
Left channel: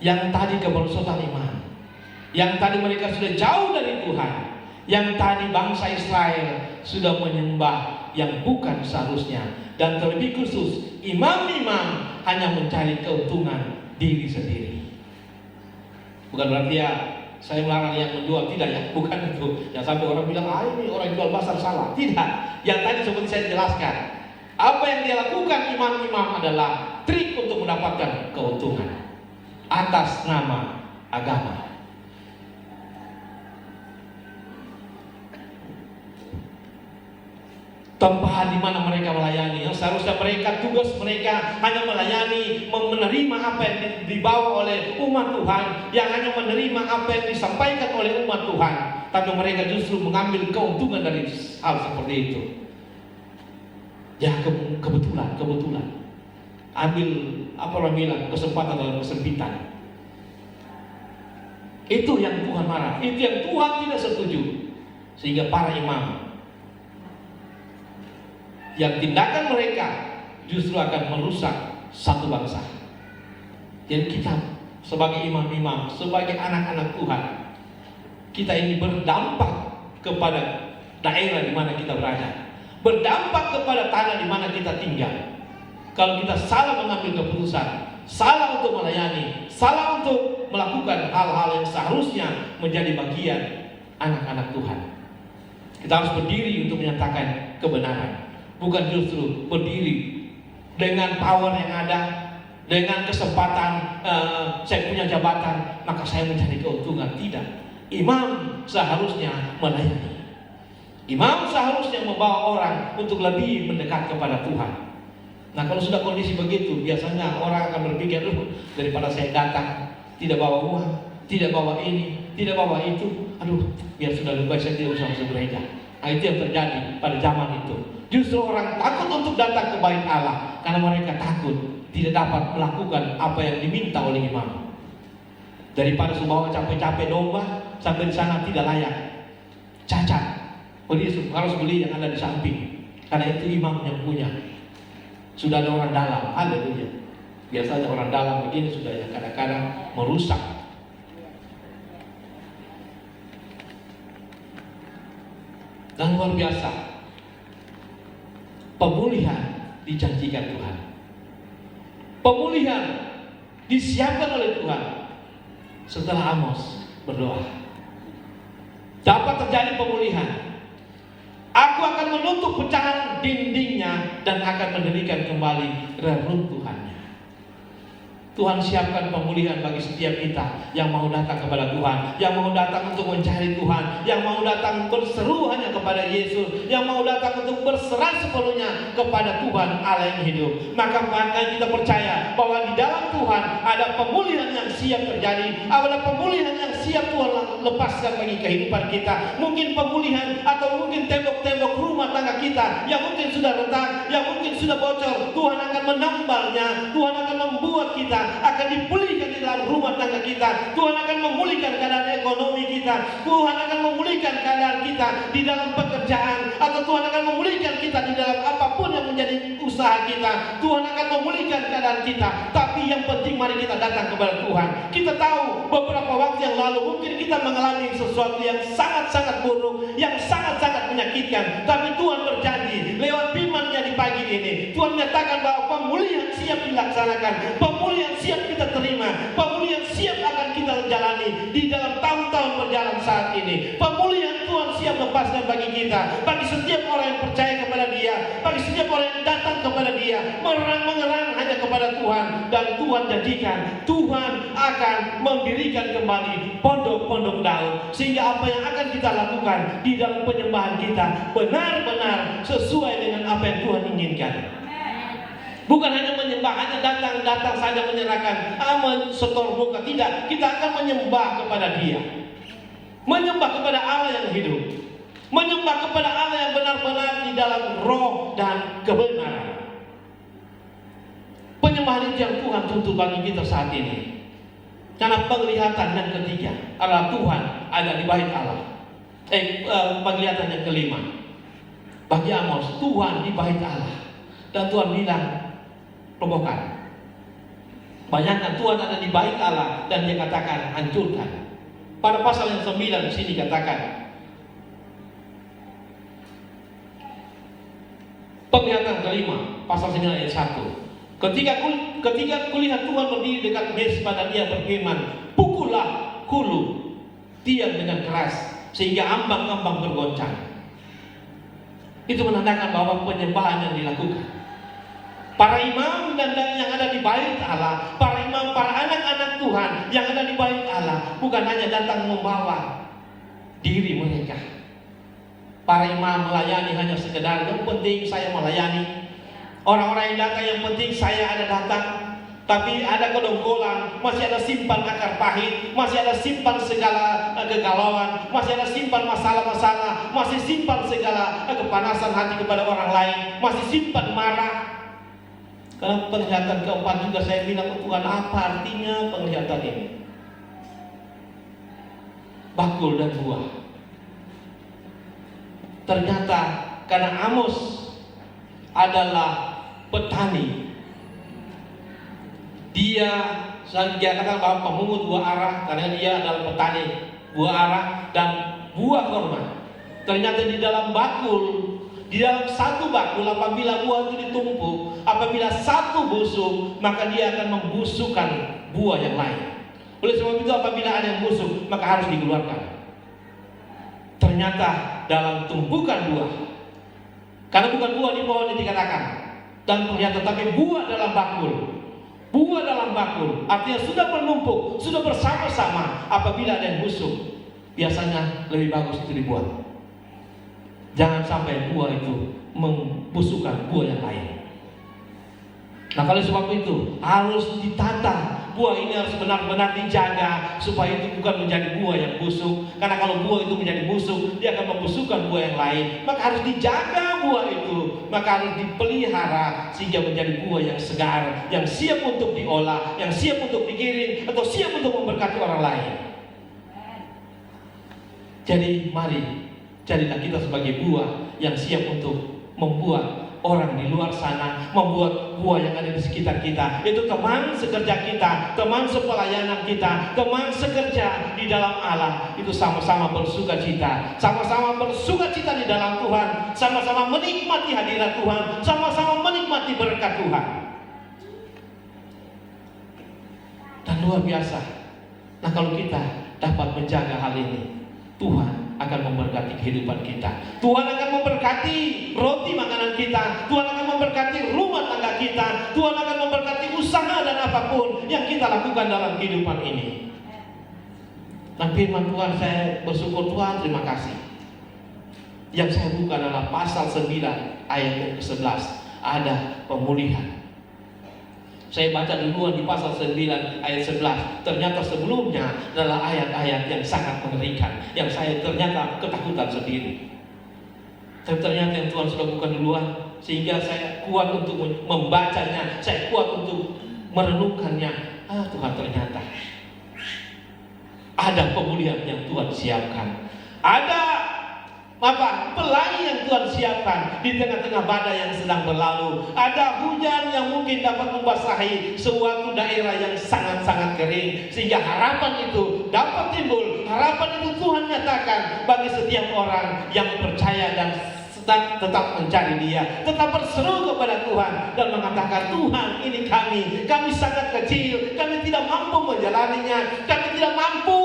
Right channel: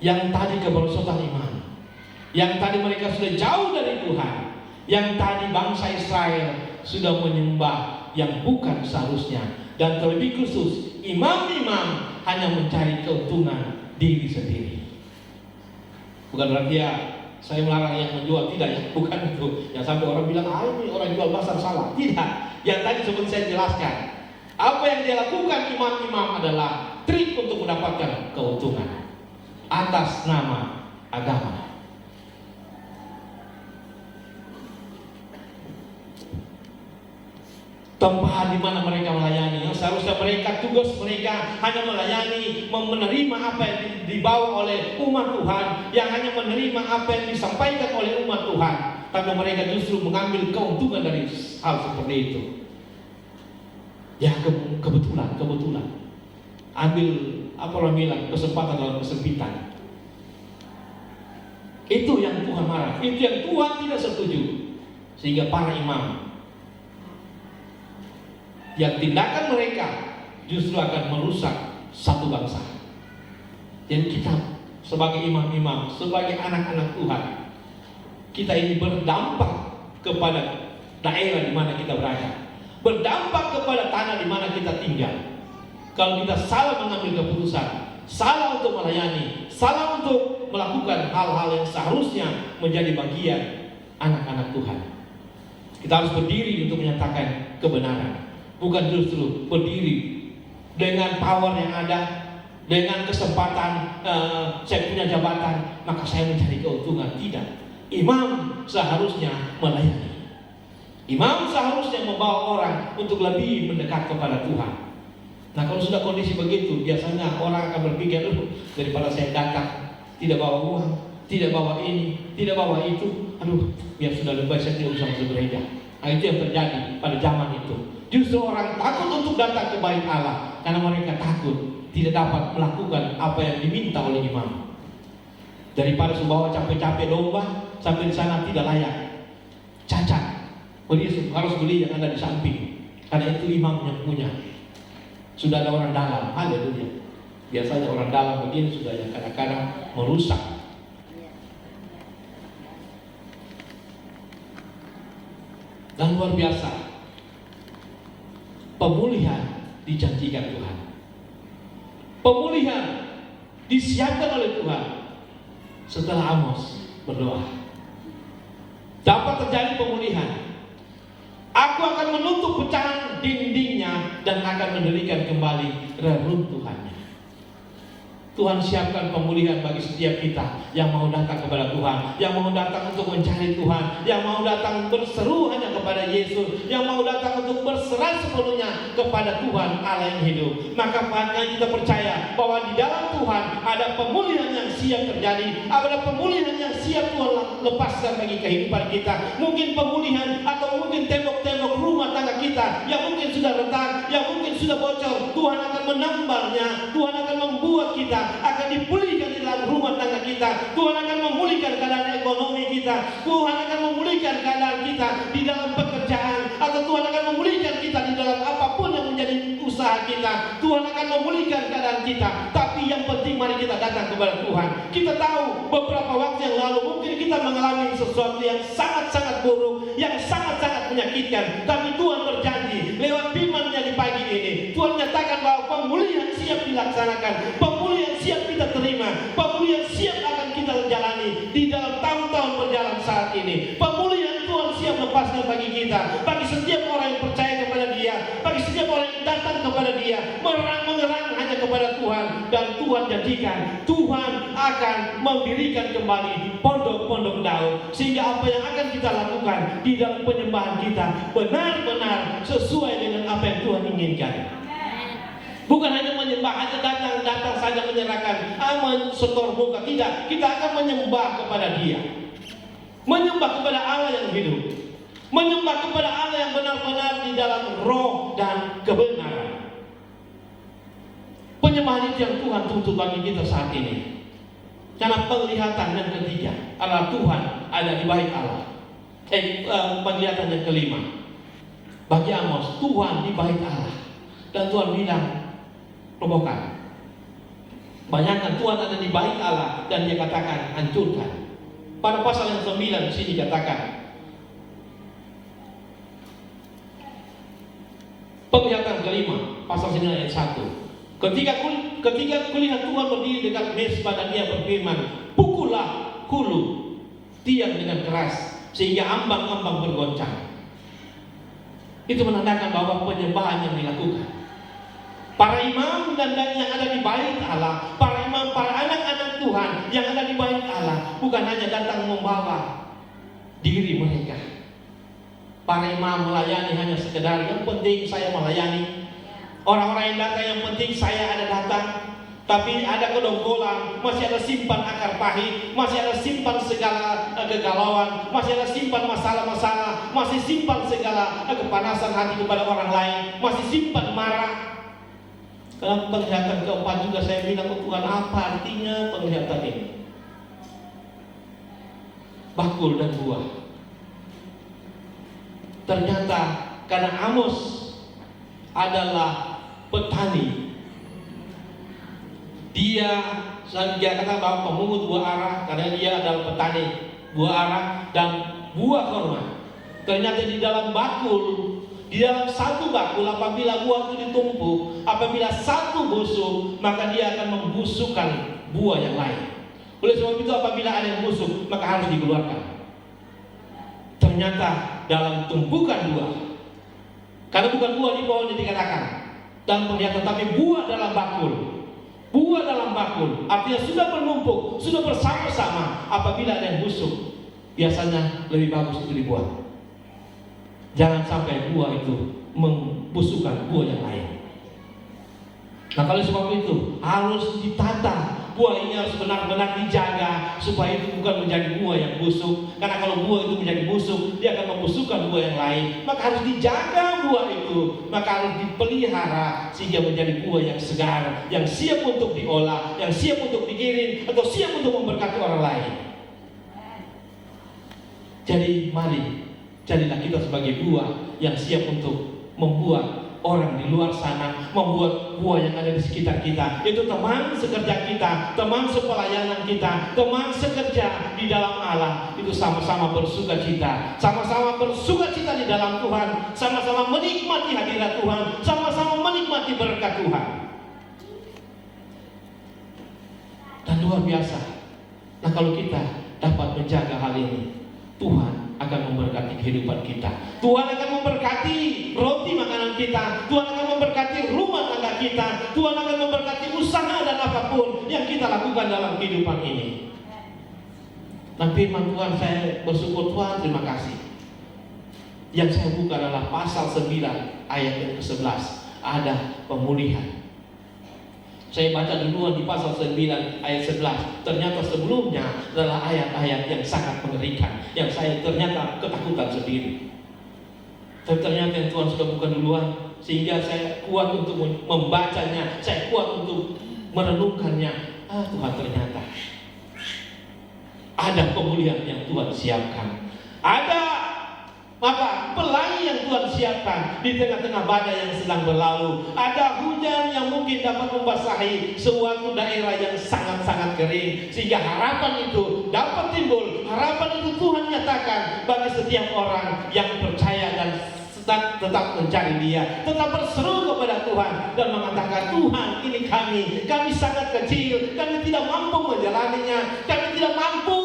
Yang tadi kemerosotan iman, yang tadi mereka sudah jauh dari Tuhan, yang tadi bangsa Israel sudah menyembah yang bukan seharusnya, dan terlebih khusus imam-imam hanya mencari keuntungan diri sendiri. Bukan berarti ya saya melarang yang menjual, tidak ya, bukan itu. Yang sampai orang bilang, ini orang jual pasar salah. Tidak. Yang tadi seperti saya jelaskan, apa yang dia lakukan imam-imam adalah trik untuk mendapatkan keuntungan atas nama agama. Tempat di mana mereka melayani, yang seharusnya mereka, tugas mereka hanya melayani, menerima apa yang dibawa oleh umat Tuhan, yang hanya menerima apa yang disampaikan oleh umat Tuhan, tapi mereka justru mengambil keuntungan dari hal seperti itu. Ya kebetulan ambil apa orang bilang, kesempatan dalam kesempitan. Itu yang Tuhan marah, itu yang Tuhan tidak setuju, sehingga para imam yang tindakan mereka justru akan merusak satu bangsa. Jadi kita sebagai imam-imam, sebagai anak-anak Tuhan, kita ini berdampak kepada daerah di mana kita berada, berdampak kepada tanah di mana kita tinggal. Kalau kita salah mengambil keputusan, salah untuk melayani, salah untuk melakukan hal-hal yang seharusnya menjadi bagian anak-anak Tuhan, kita harus berdiri untuk menyatakan kebenaran. Bukan justru berdiri dengan power yang ada, dengan kesempatan saya punya jabatan, maka saya mencari keuntungan. Tidak. Imam seharusnya melayani. Imam seharusnya membawa orang untuk lebih mendekat kepada Tuhan. Nah, kalau sudah kondisi begitu, biasanya orang akan berpikir, daripada saya datang tidak bawa uang, tidak bawa ini, tidak bawa itu, biar sudah lebih baik saya tidak usah berbeda. Nah, itu yang terjadi pada zaman itu. Justru orang takut untuk datang ke bait Allah karena mereka takut tidak dapat melakukan apa yang diminta oleh imam. Daripada membawa capek-capek domba sampai di sana tidak layak, cacat, harus beli yang ada di samping, karena itu imam yang punya. Sudah ada orang dalam, haleluya. Biasanya orang dalam begini sudah yang kadang-kadang merusak. Dan luar biasa, pemulihan dijanjikan Tuhan. Pemulihan disiapkan oleh Tuhan setelah Amos berdoa. Dapat terjadi pemulihan. Aku akan menutup pecahan dindingnya dan akan mendirikan kembali reruntuhannya. Tuhan siapkan pemulihan bagi setiap kita yang mau datang kepada Tuhan, yang mau datang untuk mencari Tuhan, yang mau datang berseru hanya kepada Yesus, yang mau datang untuk berserah sepenuhnya kepada Tuhan Allah yang hidup. Maka kita percaya bahwa di dalam Tuhan ada pemulihan yang siap terjadi, ada pemulihan yang siap Tuhan lepaskan bagi kehidupan kita. Mungkin pemulihan atau mungkin tembok-tembok rumah tangga kita yang mungkin sudah retak, yang mungkin sudah bocor, Tuhan akan menambalnya. Tuhan akan membuat kita akan dipulihkan di dalam rumah tangga kita. Tuhan akan memulihkan keadaan ekonomi kita. Tuhan akan memulihkan keadaan kita di dalam pekerjaan, atau Tuhan akan memulihkan kita di dalam apapun yang menjadi usaha kita. Tuhan akan memulihkan keadaan kita. Tapi yang penting mari kita datang kepada Tuhan. Kita tahu beberapa waktu yang lalu mungkin kita mengalami sesuatu yang sangat-sangat buruk, yang sangat-sangat menyakitkan. Tapi Tuhan berjanji lewat firman-Nya di pagi ini, Tuhan menyatakan bahwa pemulihan siap dilaksanakan, pemulihan siap kita terima, pemulihan siap akan kita jalani di dalam tahun-tahun berjalan saat ini. Pemulihan Tuhan siap lepaskan bagi kita, bagi setiap orang yang percaya kepada Dia, bagi setiap orang yang datang kepada Dia, mengerang hanya kepada Tuhan. Dan Tuhan jadikan, Tuhan akan mendirikan kembali pondok-pondok Daud, sehingga apa yang akan kita lakukan di dalam penyembahan kita benar-benar sesuai dengan apa yang Tuhan inginkan. Bukan hanya menyembah, hanya datang saja menyerahkan, setor muka. Tidak, kita akan menyembah kepada Dia, menyembah kepada Allah yang hidup, menyembah kepada Allah yang benar-benar di dalam roh dan kebenaran. Penyembahan itu yang Tuhan tuntut bagi kita saat ini. Karena penglihatan yang ketiga adalah Tuhan ada di bait Allah. Penglihatan yang kelima bagi Amos, Tuhan di bait Allah. Dan Tuhan bilang, robohkan. Bayangkan Tuhan ada di bait Allah dan Dia katakan hancurkan. Pada pasal yang 9 di sini dikatakan, penglihatan kelima, pasal 9 ayat 1. Ketika kulihat Tuhan berdiri dekat Mesbah dan Dia berfirman, pukullah hulu tiang dengan keras sehingga ambang-ambang bergoncang. Itu menandakan bahwa penyembahan yang dilakukan. Para imam dan yang ada di bait Allah, para imam, para anak-anak Tuhan yang ada di bait Allah, bukan hanya datang membawa diri mereka. Para imam melayani hanya sekedar yang penting saya melayani. Orang-orang yang datang yang penting saya ada datang. Tapi ada kedongkolan, masih ada simpan akar pahit, masih ada simpan segala kegalauan, masih ada simpan masalah-masalah, masih simpan segala kepanasan hati kepada orang lain, masih simpan marah. Dalam penglihatan keempat juga saya bilang ke Tuhan, apa artinya penglihatan ini? Bakul dan buah. Ternyata karena Amos adalah petani, dia katakan bahwa pemungut buah arah, karena dia adalah petani buah arah dan buah korma. Ternyata di dalam bakul, di dalam satu bakul, apabila buah itu ditumpuk, apabila satu busuk, maka dia akan membusukkan buah yang lain. Oleh sebab itu apabila ada yang busuk, maka harus dikeluarkan. Ternyata dalam tumpukan buah, karena bukan buah di pohon yang dikatakan dan ternyata, tapi buah dalam bakul. Buah dalam bakul artinya sudah bernumpuk, sudah bersama-sama. Apabila ada yang busuk, biasanya lebih bagus itu dibuang. Jangan sampai buah itu membusukkan buah yang lain. Nah, kalau sebab itu harus ditata. Buah ini harus benar-benar dijaga supaya itu bukan menjadi buah yang busuk. Karena kalau buah itu menjadi busuk, dia akan membusukkan buah yang lain. Maka harus dijaga buah itu, maka harus dipelihara sehingga menjadi buah yang segar, yang siap untuk diolah, yang siap untuk dikirim, atau siap untuk memberkati orang lain. Jadi mari jadilah kita sebagai buah yang siap untuk membuat orang di luar sana, membuat buah yang ada di sekitar kita. Itu teman sekerja kita, teman sepelayanan kita, teman sekerja di dalam Allah. Itu sama-sama bersukacita, sama-sama bersukacita di dalam Tuhan, sama-sama menikmati hadirat Tuhan, sama-sama menikmati berkat Tuhan. luar biasa. Nah, kalau kita dapat menjaga hal ini, Tuhan akan memberkati kehidupan kita. Tuhan akan memberkati roti makanan kita. Tuhan akan memberkati rumah tangga kita. Tuhan akan memberkati usaha dan apapun yang kita lakukan dalam kehidupan ini. Dan firman Tuhan, saya bersyukur Tuhan, terima kasih. Yang saya buka adalah pasal 9 ayat ke-11. Ada pemulihan. Saya baca duluan di pasal 9 ayat 11. Ternyata sebelumnya adalah ayat-ayat yang sangat mengerikan, yang saya ternyata ketakutan sendiri. Tapi ternyata yang Tuhan sudah buka duluan, sehingga saya kuat untuk membacanya, saya kuat untuk merenungkannya. Tuhan, ternyata ada pemulihan yang Tuhan siapkan. Ada pelangi yang Tuhan siapkan di tengah-tengah badai yang sedang berlalu. Ada hujan yang mungkin dapat membasahi suatu daerah yang sangat-sangat kering, sehingga harapan itu dapat timbul. Harapan itu Tuhan nyatakan bagi setiap orang yang percaya dan tetap mencari Dia, tetap berseru kepada Tuhan dan mengatakan, Tuhan, ini kami sangat kecil, kami tidak mampu menjalaninya, kami tidak mampu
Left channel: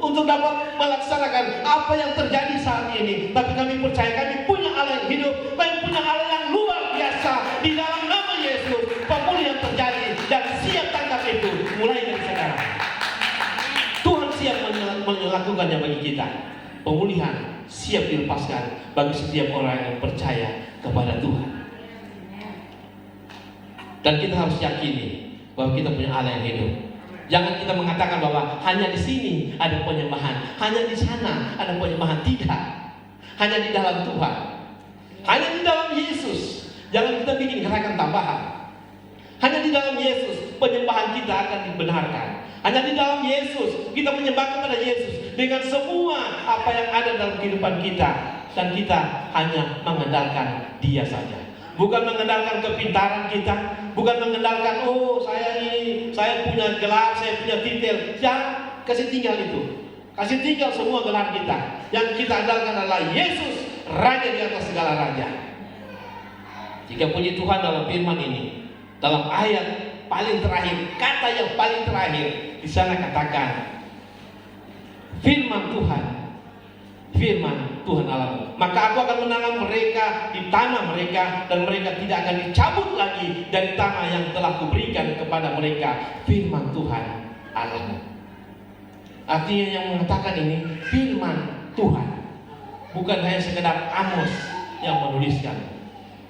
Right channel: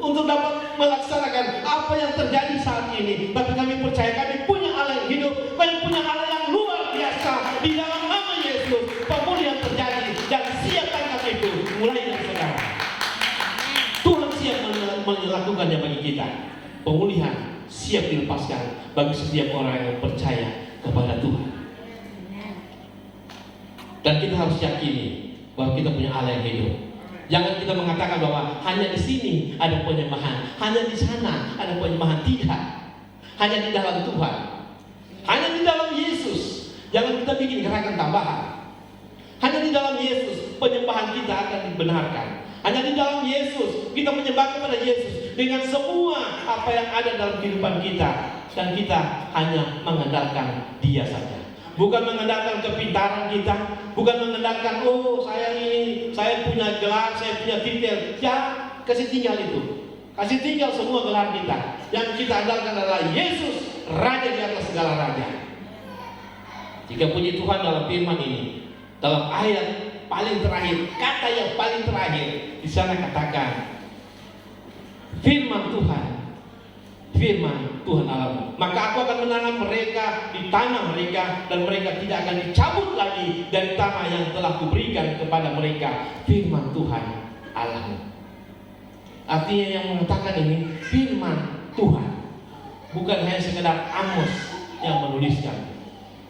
untuk dapat melaksanakan apa yang terjadi saat ini. Tapi kami percaya kami punya Allah yang hidup, kami punya Allah yang luar biasa. Di dalam nama Yesus, pemulihan terjadi dan siap tangkap itu mulai dari sekarang. Tuhan siap melakukannya bagi kita. Pemulihan siap dilepaskan bagi setiap orang yang percaya kepada Tuhan. Dan kita harus yakini bahwa kita punya Allah yang hidup. Jangan kita mengatakan bahwa hanya di sini ada penyembahan, hanya di sana ada penyembahan. Tidak. Hanya di dalam Tuhan, hanya di dalam Yesus. Jangan kita bikin gerakan tambahan. Hanya di dalam Yesus penyembahan kita akan dibenarkan. Hanya di dalam Yesus kita menyembah kepada Yesus dengan semua apa yang ada dalam kehidupan kita, dan kita hanya mengandalkan Dia saja. Bukan mengandalkan kepintaran kita, bukan mengandalkan saya punya gelar, saya punya titel. Jangan, kasih tinggal itu. Kasih tinggal semua gelar kita. Yang kita andalkan adalah Yesus, Raja di atas segala raja. Jika puji Tuhan dalam firman ini, dalam ayat paling terakhir, kata yang paling terakhir, di sana katakan, firman Tuhan Allah, maka aku akan menanam mereka di tanah mereka, dan mereka tidak akan dicabut lagi dari tanah yang telah kuberikan kepada mereka. Firman Tuhan Allah. Artinya yang mengatakan ini firman Tuhan, bukan hanya sekedar Amos yang menuliskan,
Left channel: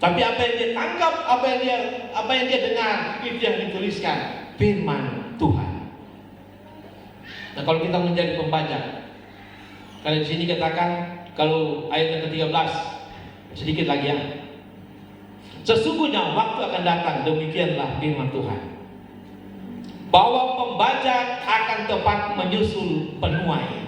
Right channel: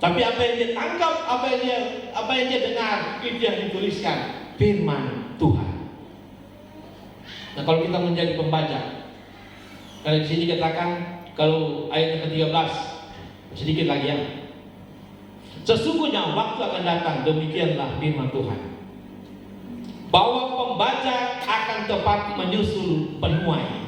tapi apa yang dia tangkap, apa yang dia dengar, itu yang dituliskan. Firman Tuhan. Nah, kalau kita menjadi pembaca, kalau di sini katakan, kalau ayat yang ke-13, sedikit lagi ya. Sesungguhnya waktu akan datang, demikianlah firman Tuhan, bahwa pembaca akan tepat menyusul penuai.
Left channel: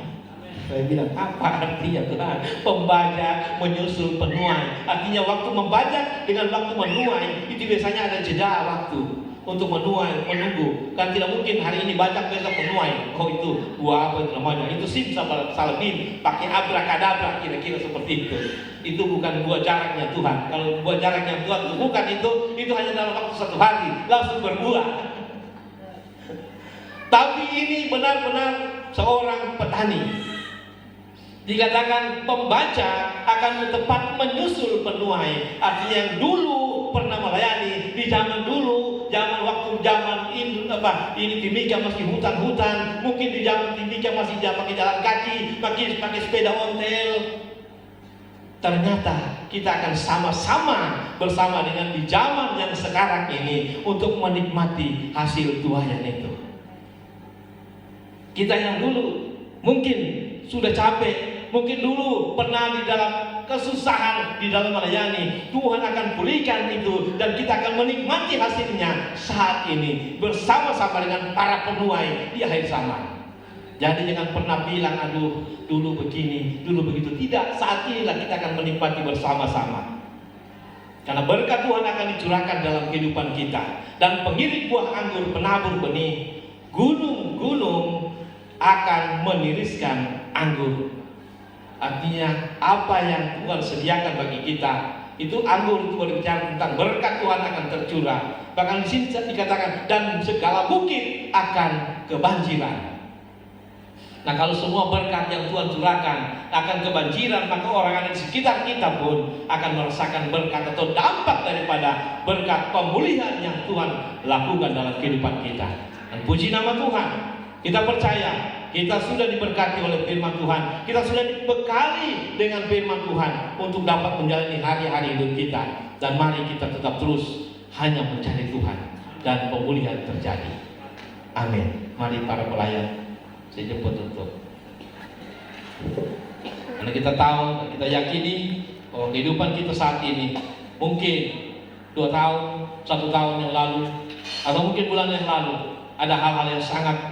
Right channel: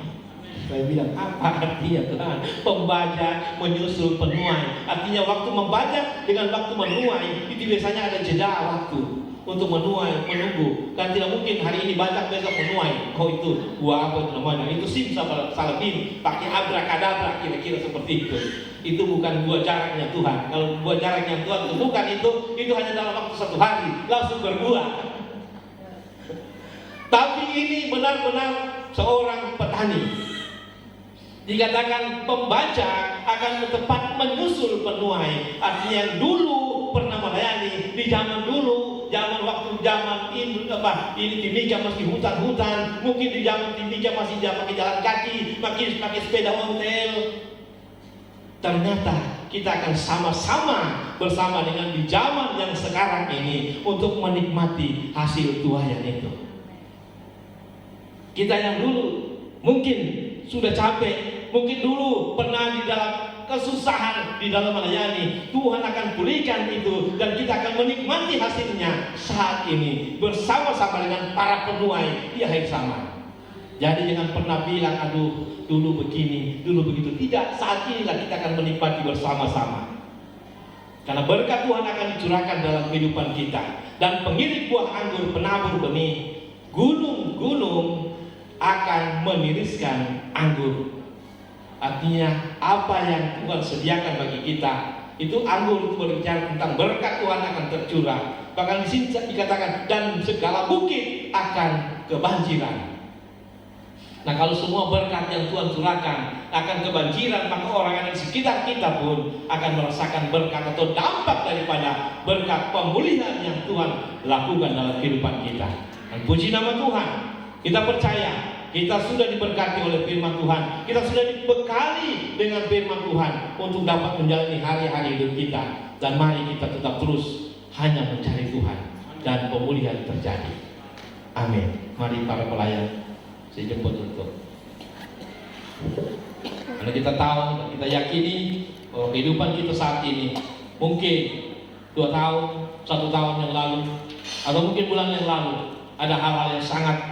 Saya bilang, apa artinya Tuhan? Pembaca menyusul penuai. Artinya waktu membaca dengan waktu menuai itu biasanya ada jeda waktu untuk menuai, menunggu. Kan tidak mungkin hari ini baca besok menuai. Oh, itu apa itu namanya? Itu simsalabim, pakai abrakadabra, kira-kira seperti itu. Itu bukan buah jaraknya Tuhan. Kalau buah jaraknya Tuhan tentukan itu hanya dalam waktu 1 hari langsung berbuah. Tapi ini benar-benar seorang petani. Dikatakan pembaca akan tepat menyusul penuai. Artinya yang dulu pernah melayani di zaman dulu, zaman ini Timika masih hutan-hutan, mungkin di zaman Timika masih pakai jalan kaki, makin pakai sepeda ontel. Ternyata kita akan sama-sama bersama dengan di zaman yang sekarang ini untuk menikmati hasil tuayan itu. Kita yang dulu mungkin sudah capek, mungkin dulu pernah di dalam kesusahan, di dalam melayani, Tuhan akan pulihkan itu, dan kita akan menikmati hasilnya saat ini bersama-sama dengan para penuai di akhir zaman. Jadi jangan pernah bilang, aduh dulu begini, dulu begitu. Tidak, saat inilah kita akan menikmati bersama-sama. Karena berkat Tuhan akan dicurahkan dalam kehidupan kita. Dan pengiring buah anggur, penabur benih, gunung-gunung akan meniriskan anggur. Artinya apa yang Tuhan sediakan bagi kita Itu anggur itu berbicara tentang berkat Tuhan akan tercurah. Bahkan di sini dikatakan dan segala bukit akan kebanjiran. Nah, kalau semua berkat yang Tuhan curahkan akan kebanjiran, maka orang di sekitar kita pun akan merasakan berkat atau dampak daripada berkat pemulihan yang Tuhan lakukan dalam kehidupan kita. Dan puji nama Tuhan, kita percaya kita sudah diberkati oleh firman Tuhan. Kita sudah dibekali dengan firman Tuhan untuk dapat menjalani hari-hari hidup kita. Dan mari kita tetap terus hanya mencari Tuhan dan pemulihan terjadi. Amin. Mari para pelayan, saya jemput untuk. Karena kita tahu, kita yakini bahwa kehidupan kita saat ini mungkin 2 tahun, 1 tahun yang lalu, atau mungkin bulan yang lalu ada hal-hal yang sangat